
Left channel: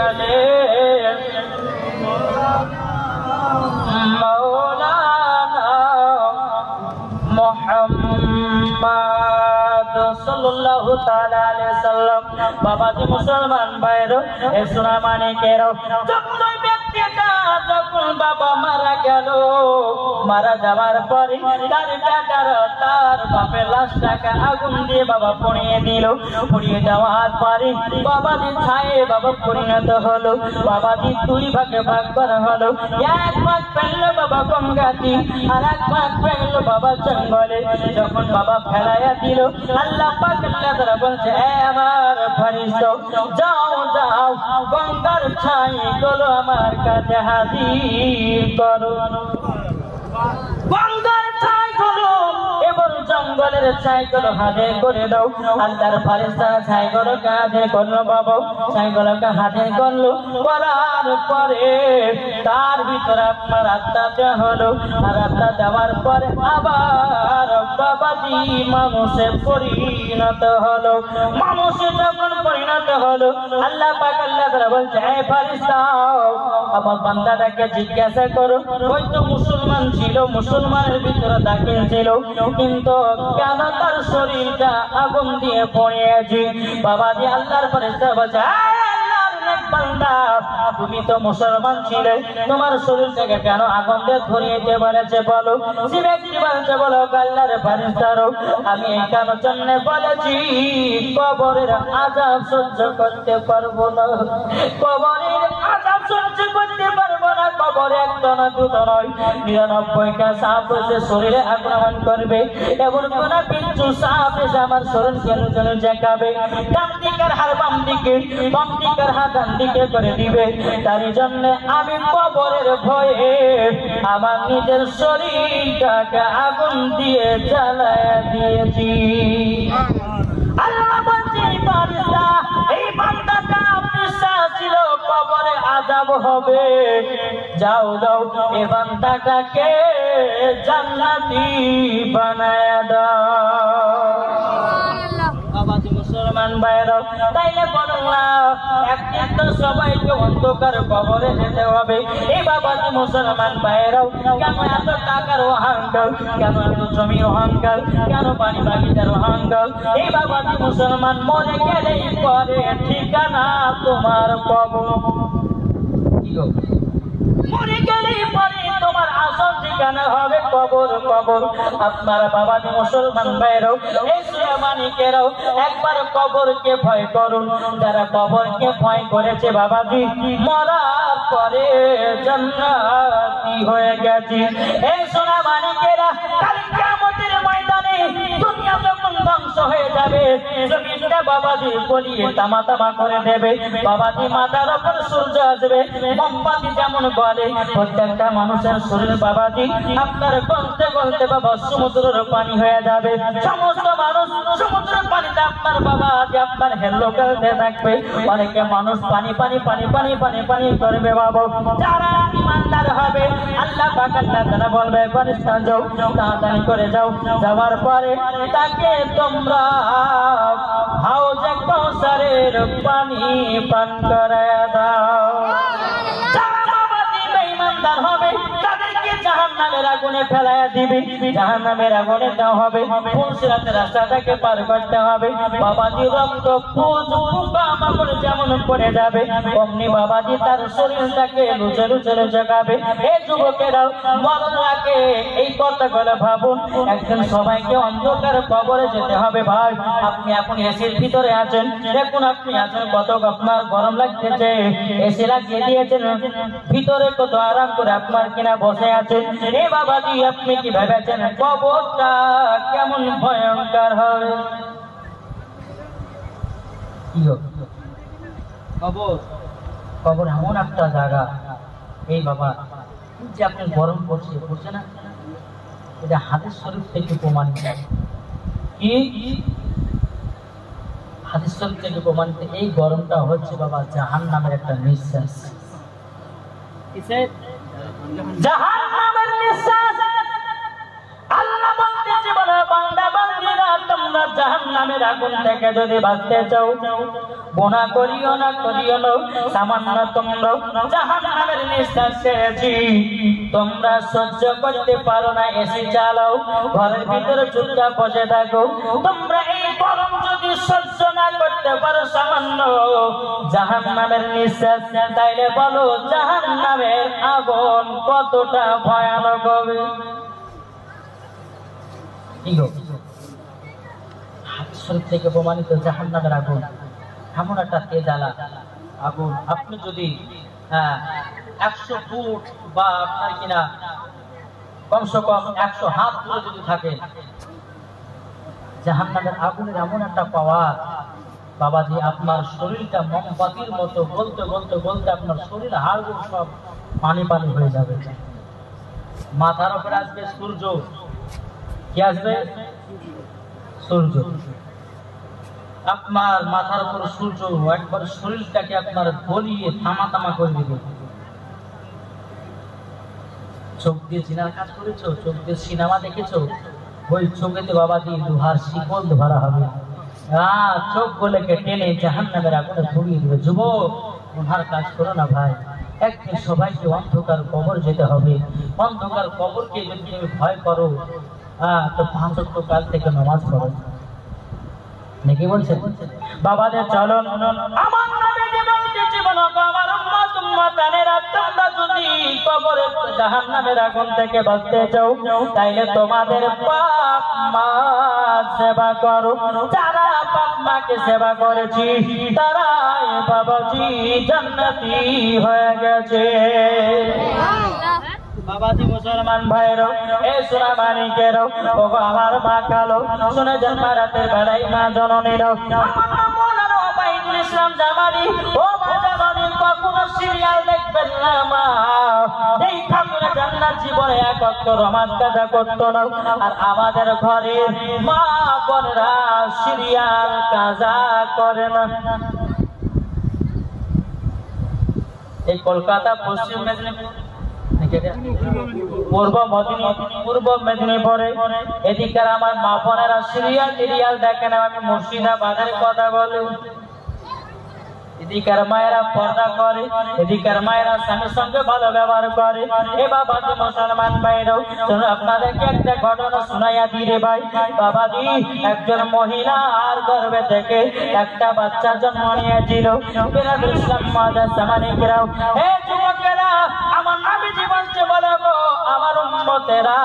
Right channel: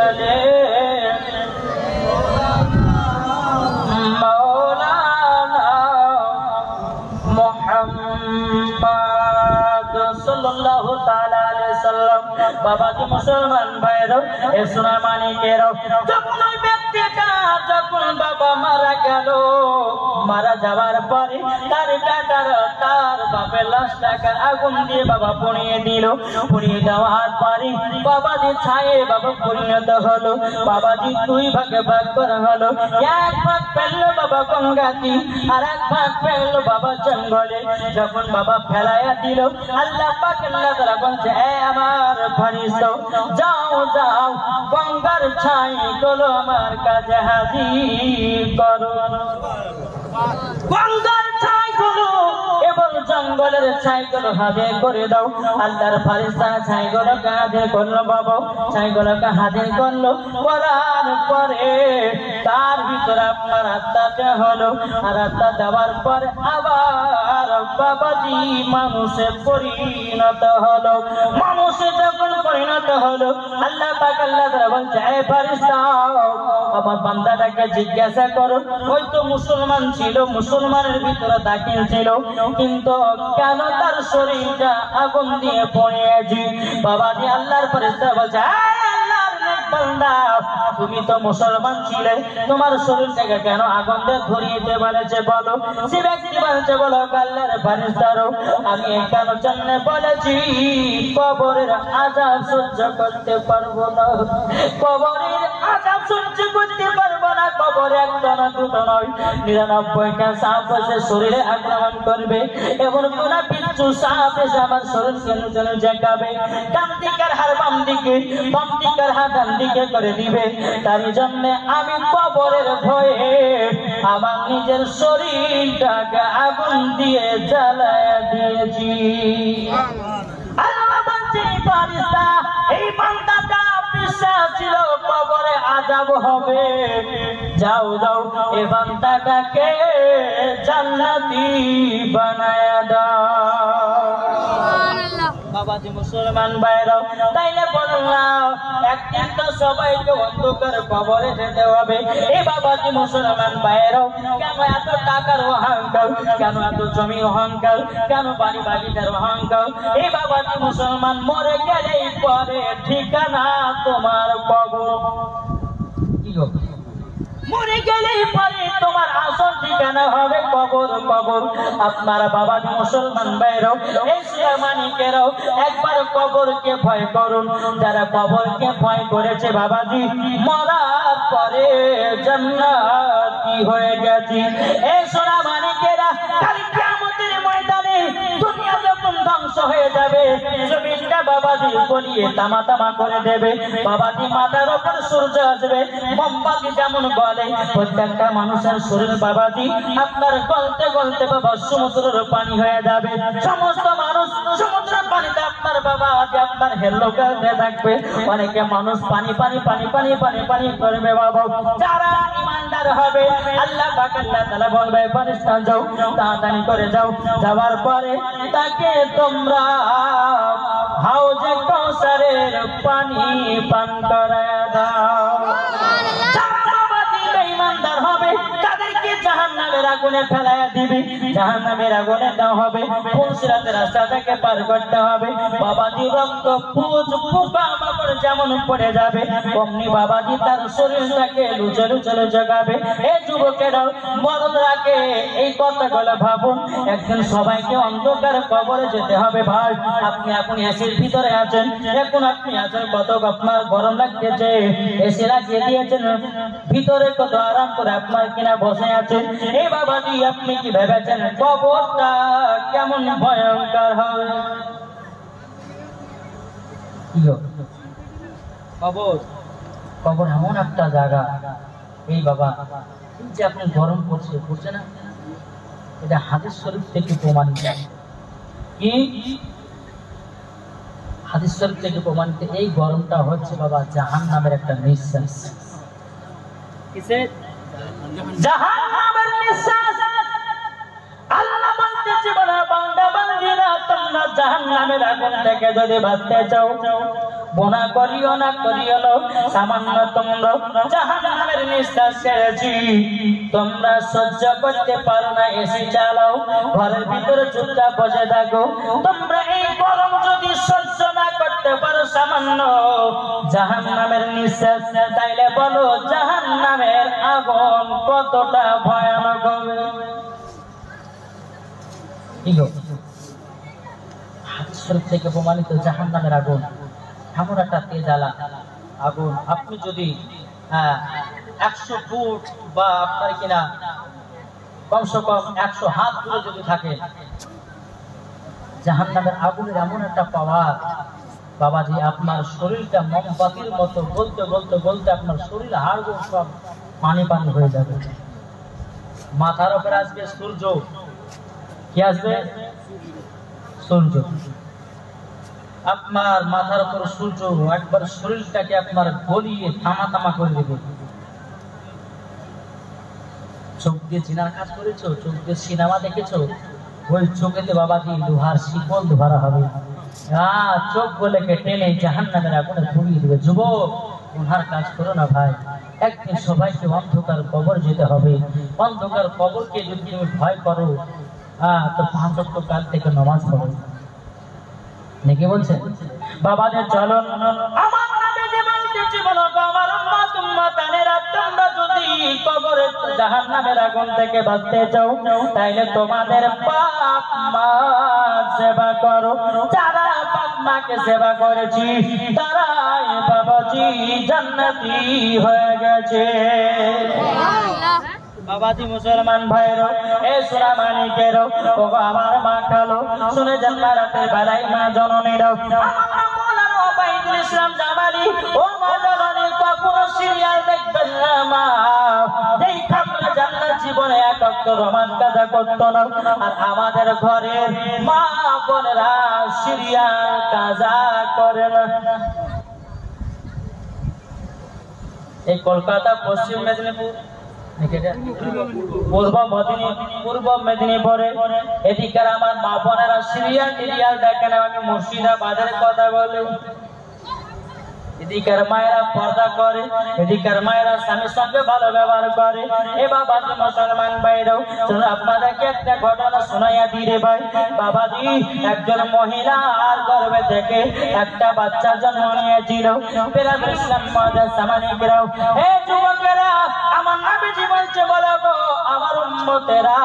আলি মাওলানা মুহাম্মদ সাল্লাল্লাহু তাআলা আলাইহি সাল্লাম। বাবাজি মুসলমান ভাইরা, এ সোনা মানিকেরা, যখন ওই ব্যক্তিটা যখন বাবা মারা গেল, মারা যাওয়ার পরে তার বেটারা তার বাপের লাশটাকে আগুন দিয়ে বাবা পুড়িয়ে দিল। পুড়িয়ে দেওয়ার পরে বাবাজি ছায়ে বাবা পরিণত হলো। বাবাজি দুই ভাগে ভাগ করা হলো, এক ভাগ পেল বাবা গঙ্গাতি, আর এক ভাগ পেল বাবা জঙ্গলে। যখন বাবা ফেলাইয়া দিল, আল্লাহ পাক আল্লাহ তাআলা বলছে, হে আমার ফেরেশতা, যাও যাও গঙ্গার ছাই গুলো আমার কাছে হাজির করো। গঙ্গার ছাই গুলো এবং জঙ্গলের ছাই গুলো হাতে করে দাও। আল্লাহর ফেরেশতা ছাই গুলো হাতে করলো বাবা, ছাই গুলোকে হাতে করলো, করার পরে তার ভিতরে আপনার আত্মাতে হলো, আর আত্মা দেওয়ার পরে আবার বাবাজি মানুষে পরিণত হলো। মানুষে যখন পরিণত হলো, আল্লাহ পাক আল্লাহ তাআলা বলছে, হে ফেরেশতা, আমার বান্দাটাকে জিজ্ঞাসা করো, ওই তো মুসলমান ছিল, মুসলমানের ভিতরে দাখিল ছিল, কিন্তু কেন তার শরীরটা আগুন দিয়ে পড়েছে? বাবাজি আল্লাহর ফেরেশতা বলছে, বান্দা, তুমি তো মুসলমান ছিলে, তোমার শরীর থেকে কেন আগুন দিয়ে ধরিয়ে দিতে বলেছে বলো? সে ব্যক্তি বলছে, বলো আল্লাহর ফেরেশতারা, আমি এই কারণের জন্য বলেছি, কবরের আযাব সহ্য করতে পারবো না, কবরের আযাব সহ্য করতে পারবো না। কবরে একটা না দুটো নয়, 99টা সাপ এসে শরীরে আক্রমণ করবে, এমন কোন বিচ্ছু সাপ এসে আমার শরীর কেন যেন জাগাবে, ডান দিকের হাড় বাম দিকে, বাম দিকের হাড় ডান দিকে করে দিবে। তার জন্য আমি কবরের ভয়ে আমার নিজের শরীরটাকে আগুন দিয়ে জ্বালায় দিয়েছি। আল্লাহ বলছে, ফেরেশতা, এই বান্দাটা বিশ্বাস ছিল কবরে আযাব হবে, যাও যাও এই বান্দাটাকে জান্নাতি বানায় দাও। বাবাজি মুসলমান ভাইরা, তাইলে বলুন না, একদিন তো সবাইকে অন্ধকার কবরে যেতে হবে। এই বাবাজি মুসলমান ভাইয়েরাও, কেন এত টাকার অহংকার, কেন এত জমির অহংকার, কেন বাড়ি বাগিচার অহংকার? এই বাবাজি মুসলমান, মরে গেলেই পরে ঠিকানা তোমার কবর। কি গো, মরে গেলেই পরে তোমার আসল ঠিকানা হবে কবর। কবর আপনারা বাবাজি মুসলমান ভাইরাও, এশিয়া মানিকেরাও, একবার কবরকে ভয় করুন। যারা কবরকে ভয় করেছে বাবাজি, মরার পরে জান্নাতি হয়ে গেছে। এই সোনা মানিকেরা, কাল কিয়ামতের ময়দানে দুনিয়া যখন ধ্বংস হয়ে যাবে, জমিনটা বাবাজি গলিয়ে তামা তামা করে দেবে। বাবাজি মাথার উপর সূর্য আসবে, মোমবাতি যেমন গলে, প্রত্যেকটা মানুষের শরীর বাবাজি আপনার গলতে গলতে বাবা সমুদ্রের পানি হয়ে যাবে। সমস্ত মানুষ সমুদ্রের পানিতে আপনার বাবাজি আপনার হেল্লো খেলতে থাকবে। অনেকে মানুষ পানি পানি পানি পানি পানি পানি করবে বাবা। যারা ইমানদার হবে, আল্লাহ পাক আল্লাহ তাআলা বলবে ফেরেশতা যাও, তাড়াতাড়ি করে যাও। যাওয়ার পরে তাকে তোমরা হাউজে কাউসারের পানি পান করে দাও। ইমানদার হবে, তাদেরকে জাহান্নামের আগুনে ফেলায় দিবে। জাহান্নামের আগুনে দেওয়া হবে, পুলসিরাতের রাস্তা থেকে পার করতে হবে। বাবাজি রক্ত পুজ পোকা মাকড় যেমন পড়ে যাবে, অমনি বাবাজি তার শরীরটাকে লুচে লুচে জাগাবে। এই যুবকেরাও মরণকে এই কথাগুলো ভাবুন। একদিন সবাইকে অন্ধকার কবরে যেতে হবে। ভাই, আপনি এখন এসির ভিতরে আছেন, এখন আপনি আছেন, কত আপনার গরম লাগতেছে, এসি লাগিয়ে দিয়েছেন, ভিতরে কত আরাম করে আপনার কিনা বসে আছেন। এ বাবাজি, আপনি কি ভেবেছেন কবরটা কেমন ভয়ঙ্কর হবে? কবর কবর এমন একটা জায়গা, এই বাবা যে আপনি গরম পড়ছে না, এটা হাদিস শরীফ থেকে প্রমাণিত। কি হাদিস শরীফ থেকে প্রমাণিত? এই গরমটা হচ্ছে বাবা জাহান্নামের একটা নিঃশ্বাস। কিসের? জাহান্নামের নিঃশ্বাস। আল্লাহ বলতেছে, বলো বান্দা বান্দীরা, তোমরা জাহান্নামের আগুন থেকে যদি বাঁচতে চাও, গুনাহ করিও না, করিও না, সামান্য তোমরা জাহান্নামের নিঃশ্বাস ছেড়েছি, তোমরা সহ্য করতে পারো না, এসি চালাও, ঘরের ভিতরে চুপচাপ বসে থাকো। তোমরা এই গরম যদি সহ্য না করতে পারো, সামান্য জাহান্নামের নিঃশ্বাস, তাইলে বলো জাহান্নামের আগুন কতটা ভয়ানক হবে। হাদিস শরীফ থেকে প্রমাণিত জাহান্নামের আগুন এমন একটা তেজালা আগুন, আপনি যদি 100 ফুট বা আপনার কিনা কমসে কম 100 হাত দূরে যদি থাকে, জাহান্নামের আগুনের এমন একটা পাওয়ার বাবাজি, আপনার শরীরটা মোমবাতির মতো গলতে গলতে গলতে আপনার শরীর হাড়গোড় সব পানি পানি হয়ে যাবে। মাথার উপরে আসবে সূর্য। কি আসবে? সূর্য। আপনার মাথার উপর সূর্য একবার শরীরটাকে আপনার গলিয়ে থামা থামা করে দেবে। চোখ দিয়ে চিনার কাজ করেছো, চোখ দিয়ে সিনেমা দেখেছো, ওই চোখেতে বাবাজি লোহার শিকল ধরা হবে। চোখ গুলোকে টেনে জাহান্নামের আগুনে ধরিয়ে দেবে। যুবক, লোহার কাজ করো না ভাই, একদিন সবাইকে অন্ধকার কবর যেতে হবে। অন্ধকার কবরকে যদি তুমি ভয় করো, তো 5 ওয়াক্ত কাল থেকে নামাজ পড়ো। নাকি বলছে বাবাদের? চলো, আমার নবীজি বলতেছে, বলো আমার উম্মত উম্মতানেরা, তোমরা যদি কবরে জাহান্নামের আগুন থেকে বাঁচতে চাও, তাইলে তোমাদের বাপ মা সেবা করো। যারা বাপ মাকে সেবা করেছি, তারাই বাবাজি জান্নাতি হয়ে গেছে। বাবাজি মুসলমান ভাইরো, এ সোনা মানিকেরও, ও আমার মা কালো, শুনে জন্ম রাতের বেলায় মা জননীরাও, মৌলানা ওবায়দুল ইসলাম জামালি, ও মা জামালি, কখনো সিরিয়াল দেখবেন না মা। এই ঠাকুর জান্নাত জীবনে এক অক্ষর রহমান কাজা করতো না। আর আমাদের ঘরে মা বোনেরা সিরিয়াল কাজা করে না। এই কলকাতা, পশ্চিম মেদিনীপুর, পূর্ব মেদিনীপুরে এদিকে আমার মা বোনেরা সিরিয়াল টিরিয়াল দেখেন। আমি মুর্শিদাবাদের কথা বলি, এদিকের মায়েরা পর্দা করে, এদিকের মায়েরা স্বামীর সঙ্গে ভালো ব্যবহার করে। এ বাবাজি মুসলমান ভাইরাও চলো আপনাদেরকে একটা ঘটনা শোনাইয়া দিই রে ভাই। বাবাজি একজন মহিলার গর্ভে থেকে একটা বাচ্চা জন্ম নিয়েছিল। বেলালুল ইসলাম মাদার সামানিকরাও, এ যুবকেরা, আমার নবীজি বলছে বলো গো আমার উম্মতেরা,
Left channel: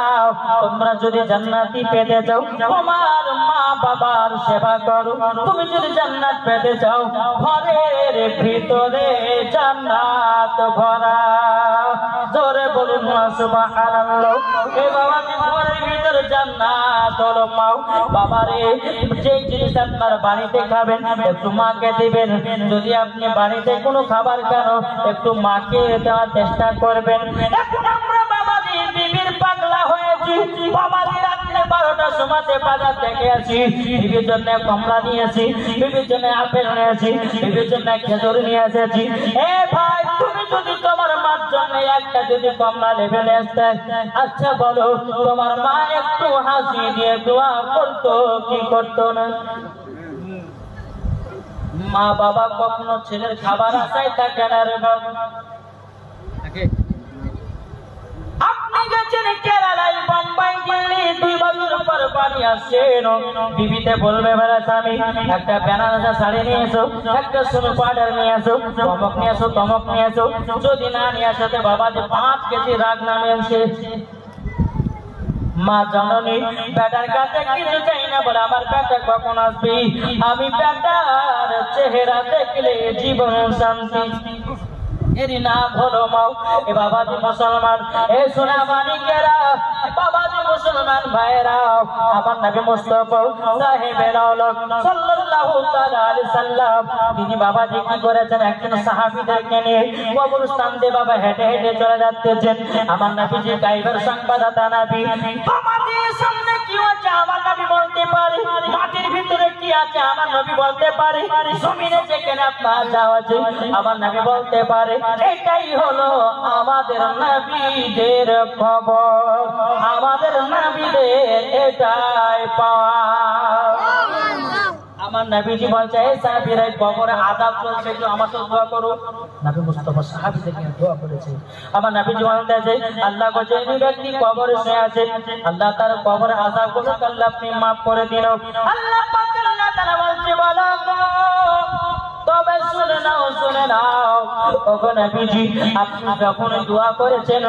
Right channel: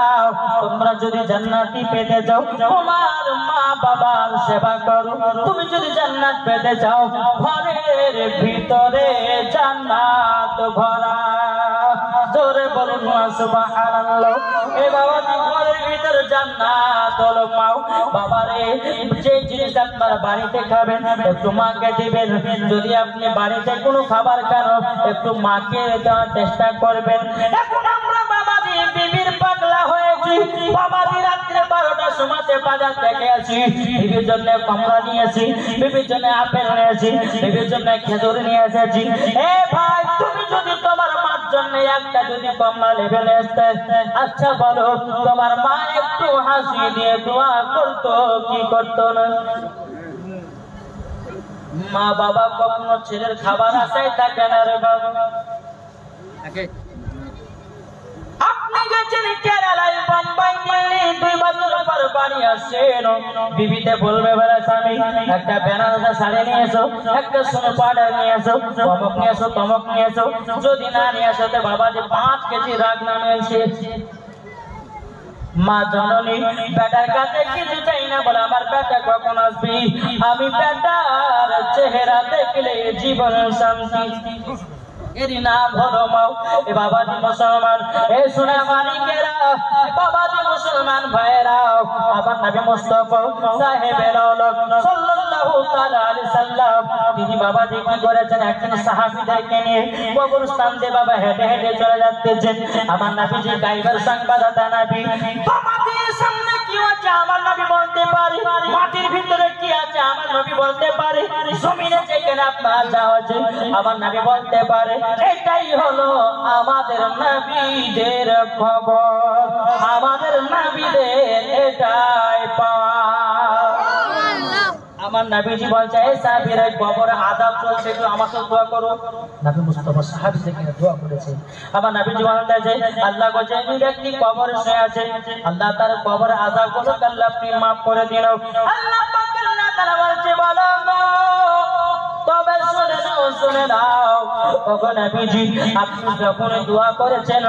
তোমরা যদি জান্নাতি পেতে চাও তোমার মা বাবার সেবা করো। তুমি যদি জান্নাত পেতে চাও ঘরের ভিতরে জান্নাত ভরা। জোরে বলুন সুবহানাল্লাহ। এ বাবা ঘরের ভিতরে জান্নাত হলো পাও। বাবারে যে জিনিস আপনার বাড়িতে খাবেন একটু মাকে দিবেন। যদি আপনি বাড়িতে কোনো খাবার খান একটু মাকে দেওয়ার চেষ্টা করবেন। এখন আমরা বাবাজি বিবির পাগলা হয়েছি। বাবাজি রাত্রে 12টার সময় বাজার থেকে আসি, বিবির জন্য কমলা নিয়েছি, বিবির জন্য আপেল নিয়েছি, বিবির জন্য খেজুর নিয়ে এসেছি। এ ভাই তুমি যদি তোমার মার জন্য একটা যদি কমলা লেভেলে আসতে, আচ্ছা বলো তোমার মা একটু হাসি দিয়ে দোয়া করতো কি করতো না? মা বাবা কখনো ছেলের খাবার আশায় থাকে না রে বাবা। আপনি গেছেন কেরালায়, বোম্বাই, দিল্লি, 2 বছর পর বাড়ি আসেন, বিবিতে বলবে বেলা স্বামী একটা বেনারসি শাড়ি নিয়ে এসো, একটা সোনো পাউডার নিয়ে এসো, তমক নিয়ে এসো, তমক নিয়ে এসো। যদি না নিয়ে আসতে বাবা যে 5 কেজি রাগ নামে এসে মা জননী বেটার কাছে কিছু চাই না বলে আমার বেটা কখন আসবি, আমি বেটার চেহারা দেখলে জীবন শান্তি। এরি নাম হলো মাও। এ বাবাজি মুসলমান, এ সোনা মানিকেরা, বাবাজি মুসলমান ভাইরা, আমার নবী মুস্তাফা সাহেবের আওলাদ সাল্লাল্লাহু তাআলা আলাইহি সাল্লাম তিনি বাবাজি কি করেছেন, একজন সাহাবীদেরকে নিয়ে কবরস্থান দিয়ে বাবা হেঁটে হেঁটে চলে যাচ্ছেন। আমার নবীজি গায়বের সংবাদদাতা নবী, বাবাজির সামনে কি হচ্ছে আমার নবী বলতে পারে, মাটির ভিতরে কি আছে আমার নবী বলতে পারে, জমিনে যেখানে আপনার যা আছে আমার নবী বলতে পারে। এটাই হলো আমাদের নবীদের খবর, আমাদের নবীদের এটাই পাওয়া। আমার নবীজি বলছে এই সাহাবীরা কবরে আযাব চলছে, একটু আমার সাথে দোয়া করো। নবী মুস্তাফা সাহাবীদেরকে দোয়া করেছে। আমার নবীজি বলতেছে আল্লাহ বলে এই ব্যক্তি কবরে শুয়ে আছে, আল্লাহ তার কবরে আযাব করুক, আল্লাহ আপনি maaf করে দিন। আল্লাহ পাক আল্লাহ তাআলা বলছে বলো তবে শুনে নাও, শুনে নাও ওগো নবীজি, আপনি যখন দোয়া করেছেন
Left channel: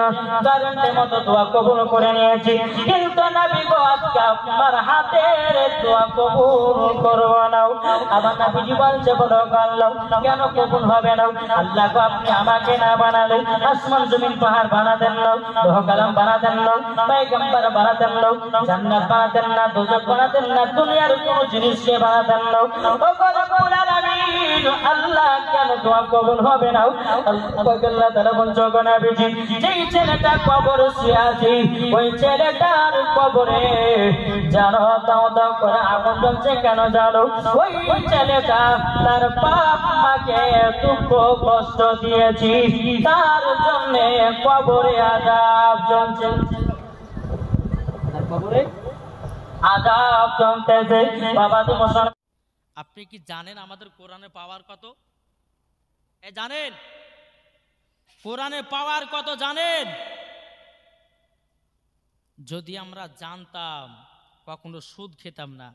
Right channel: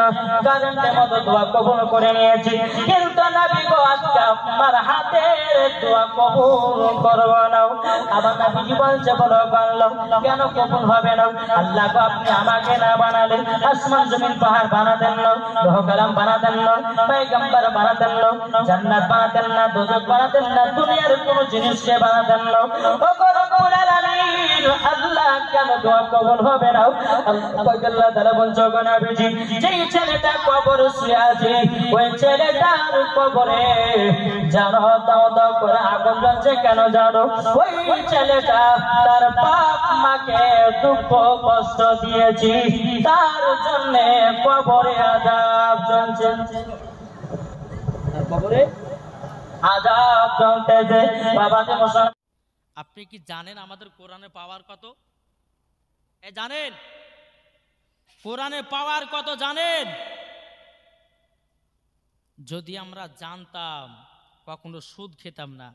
কারেন্টের মতো দোয়া কবুল করে নিয়েছি, কিন্তু নবী গো আজকে আপনার হাতের দোয়া কবুল করবো না। আমার নবীজি বলছে বলো আল্লাহ কেন কবুল হবে না? আল্লাহ গো আপনি আমাকে না বানালে আসমান জমিন পাহাড় বানাতেন না, লৌহ কলম বানাতেন না, পয়গম্বর বানাতেন না, জান্নাত বানাতেন না, দোজখ বানাতেন না, দুনিয়ার কোনো জিনিসকে বানাতেন না। ওগো রব্বুল আলামিন আল্লাহ কেন দোয়া কবুল হবে না? আল্লাহ তাআলা বলছে গো নবীজি, যেই ছেলেটা কবরে শুয়ে আছে ওই ছেলেটার কবরে জানো দাও দাও করে আগুন জ্বলছে কেন জানো? ওই ছেলেটা তার বাপ মাকে দুঃখ কষ্ট দিয়েছি, তার জন্য কবরে আযাব চলছে, তার কবরে আযাব চলতেছে। বাবাজি মুসলমান, আপনি কি জানেন আমাদের কোরআনে পাওয়ার কত? জানেন কোরআনে পাওয়ার কত জানেন? যদি আমরা জানতাম কখনো সুদ খেতাম না।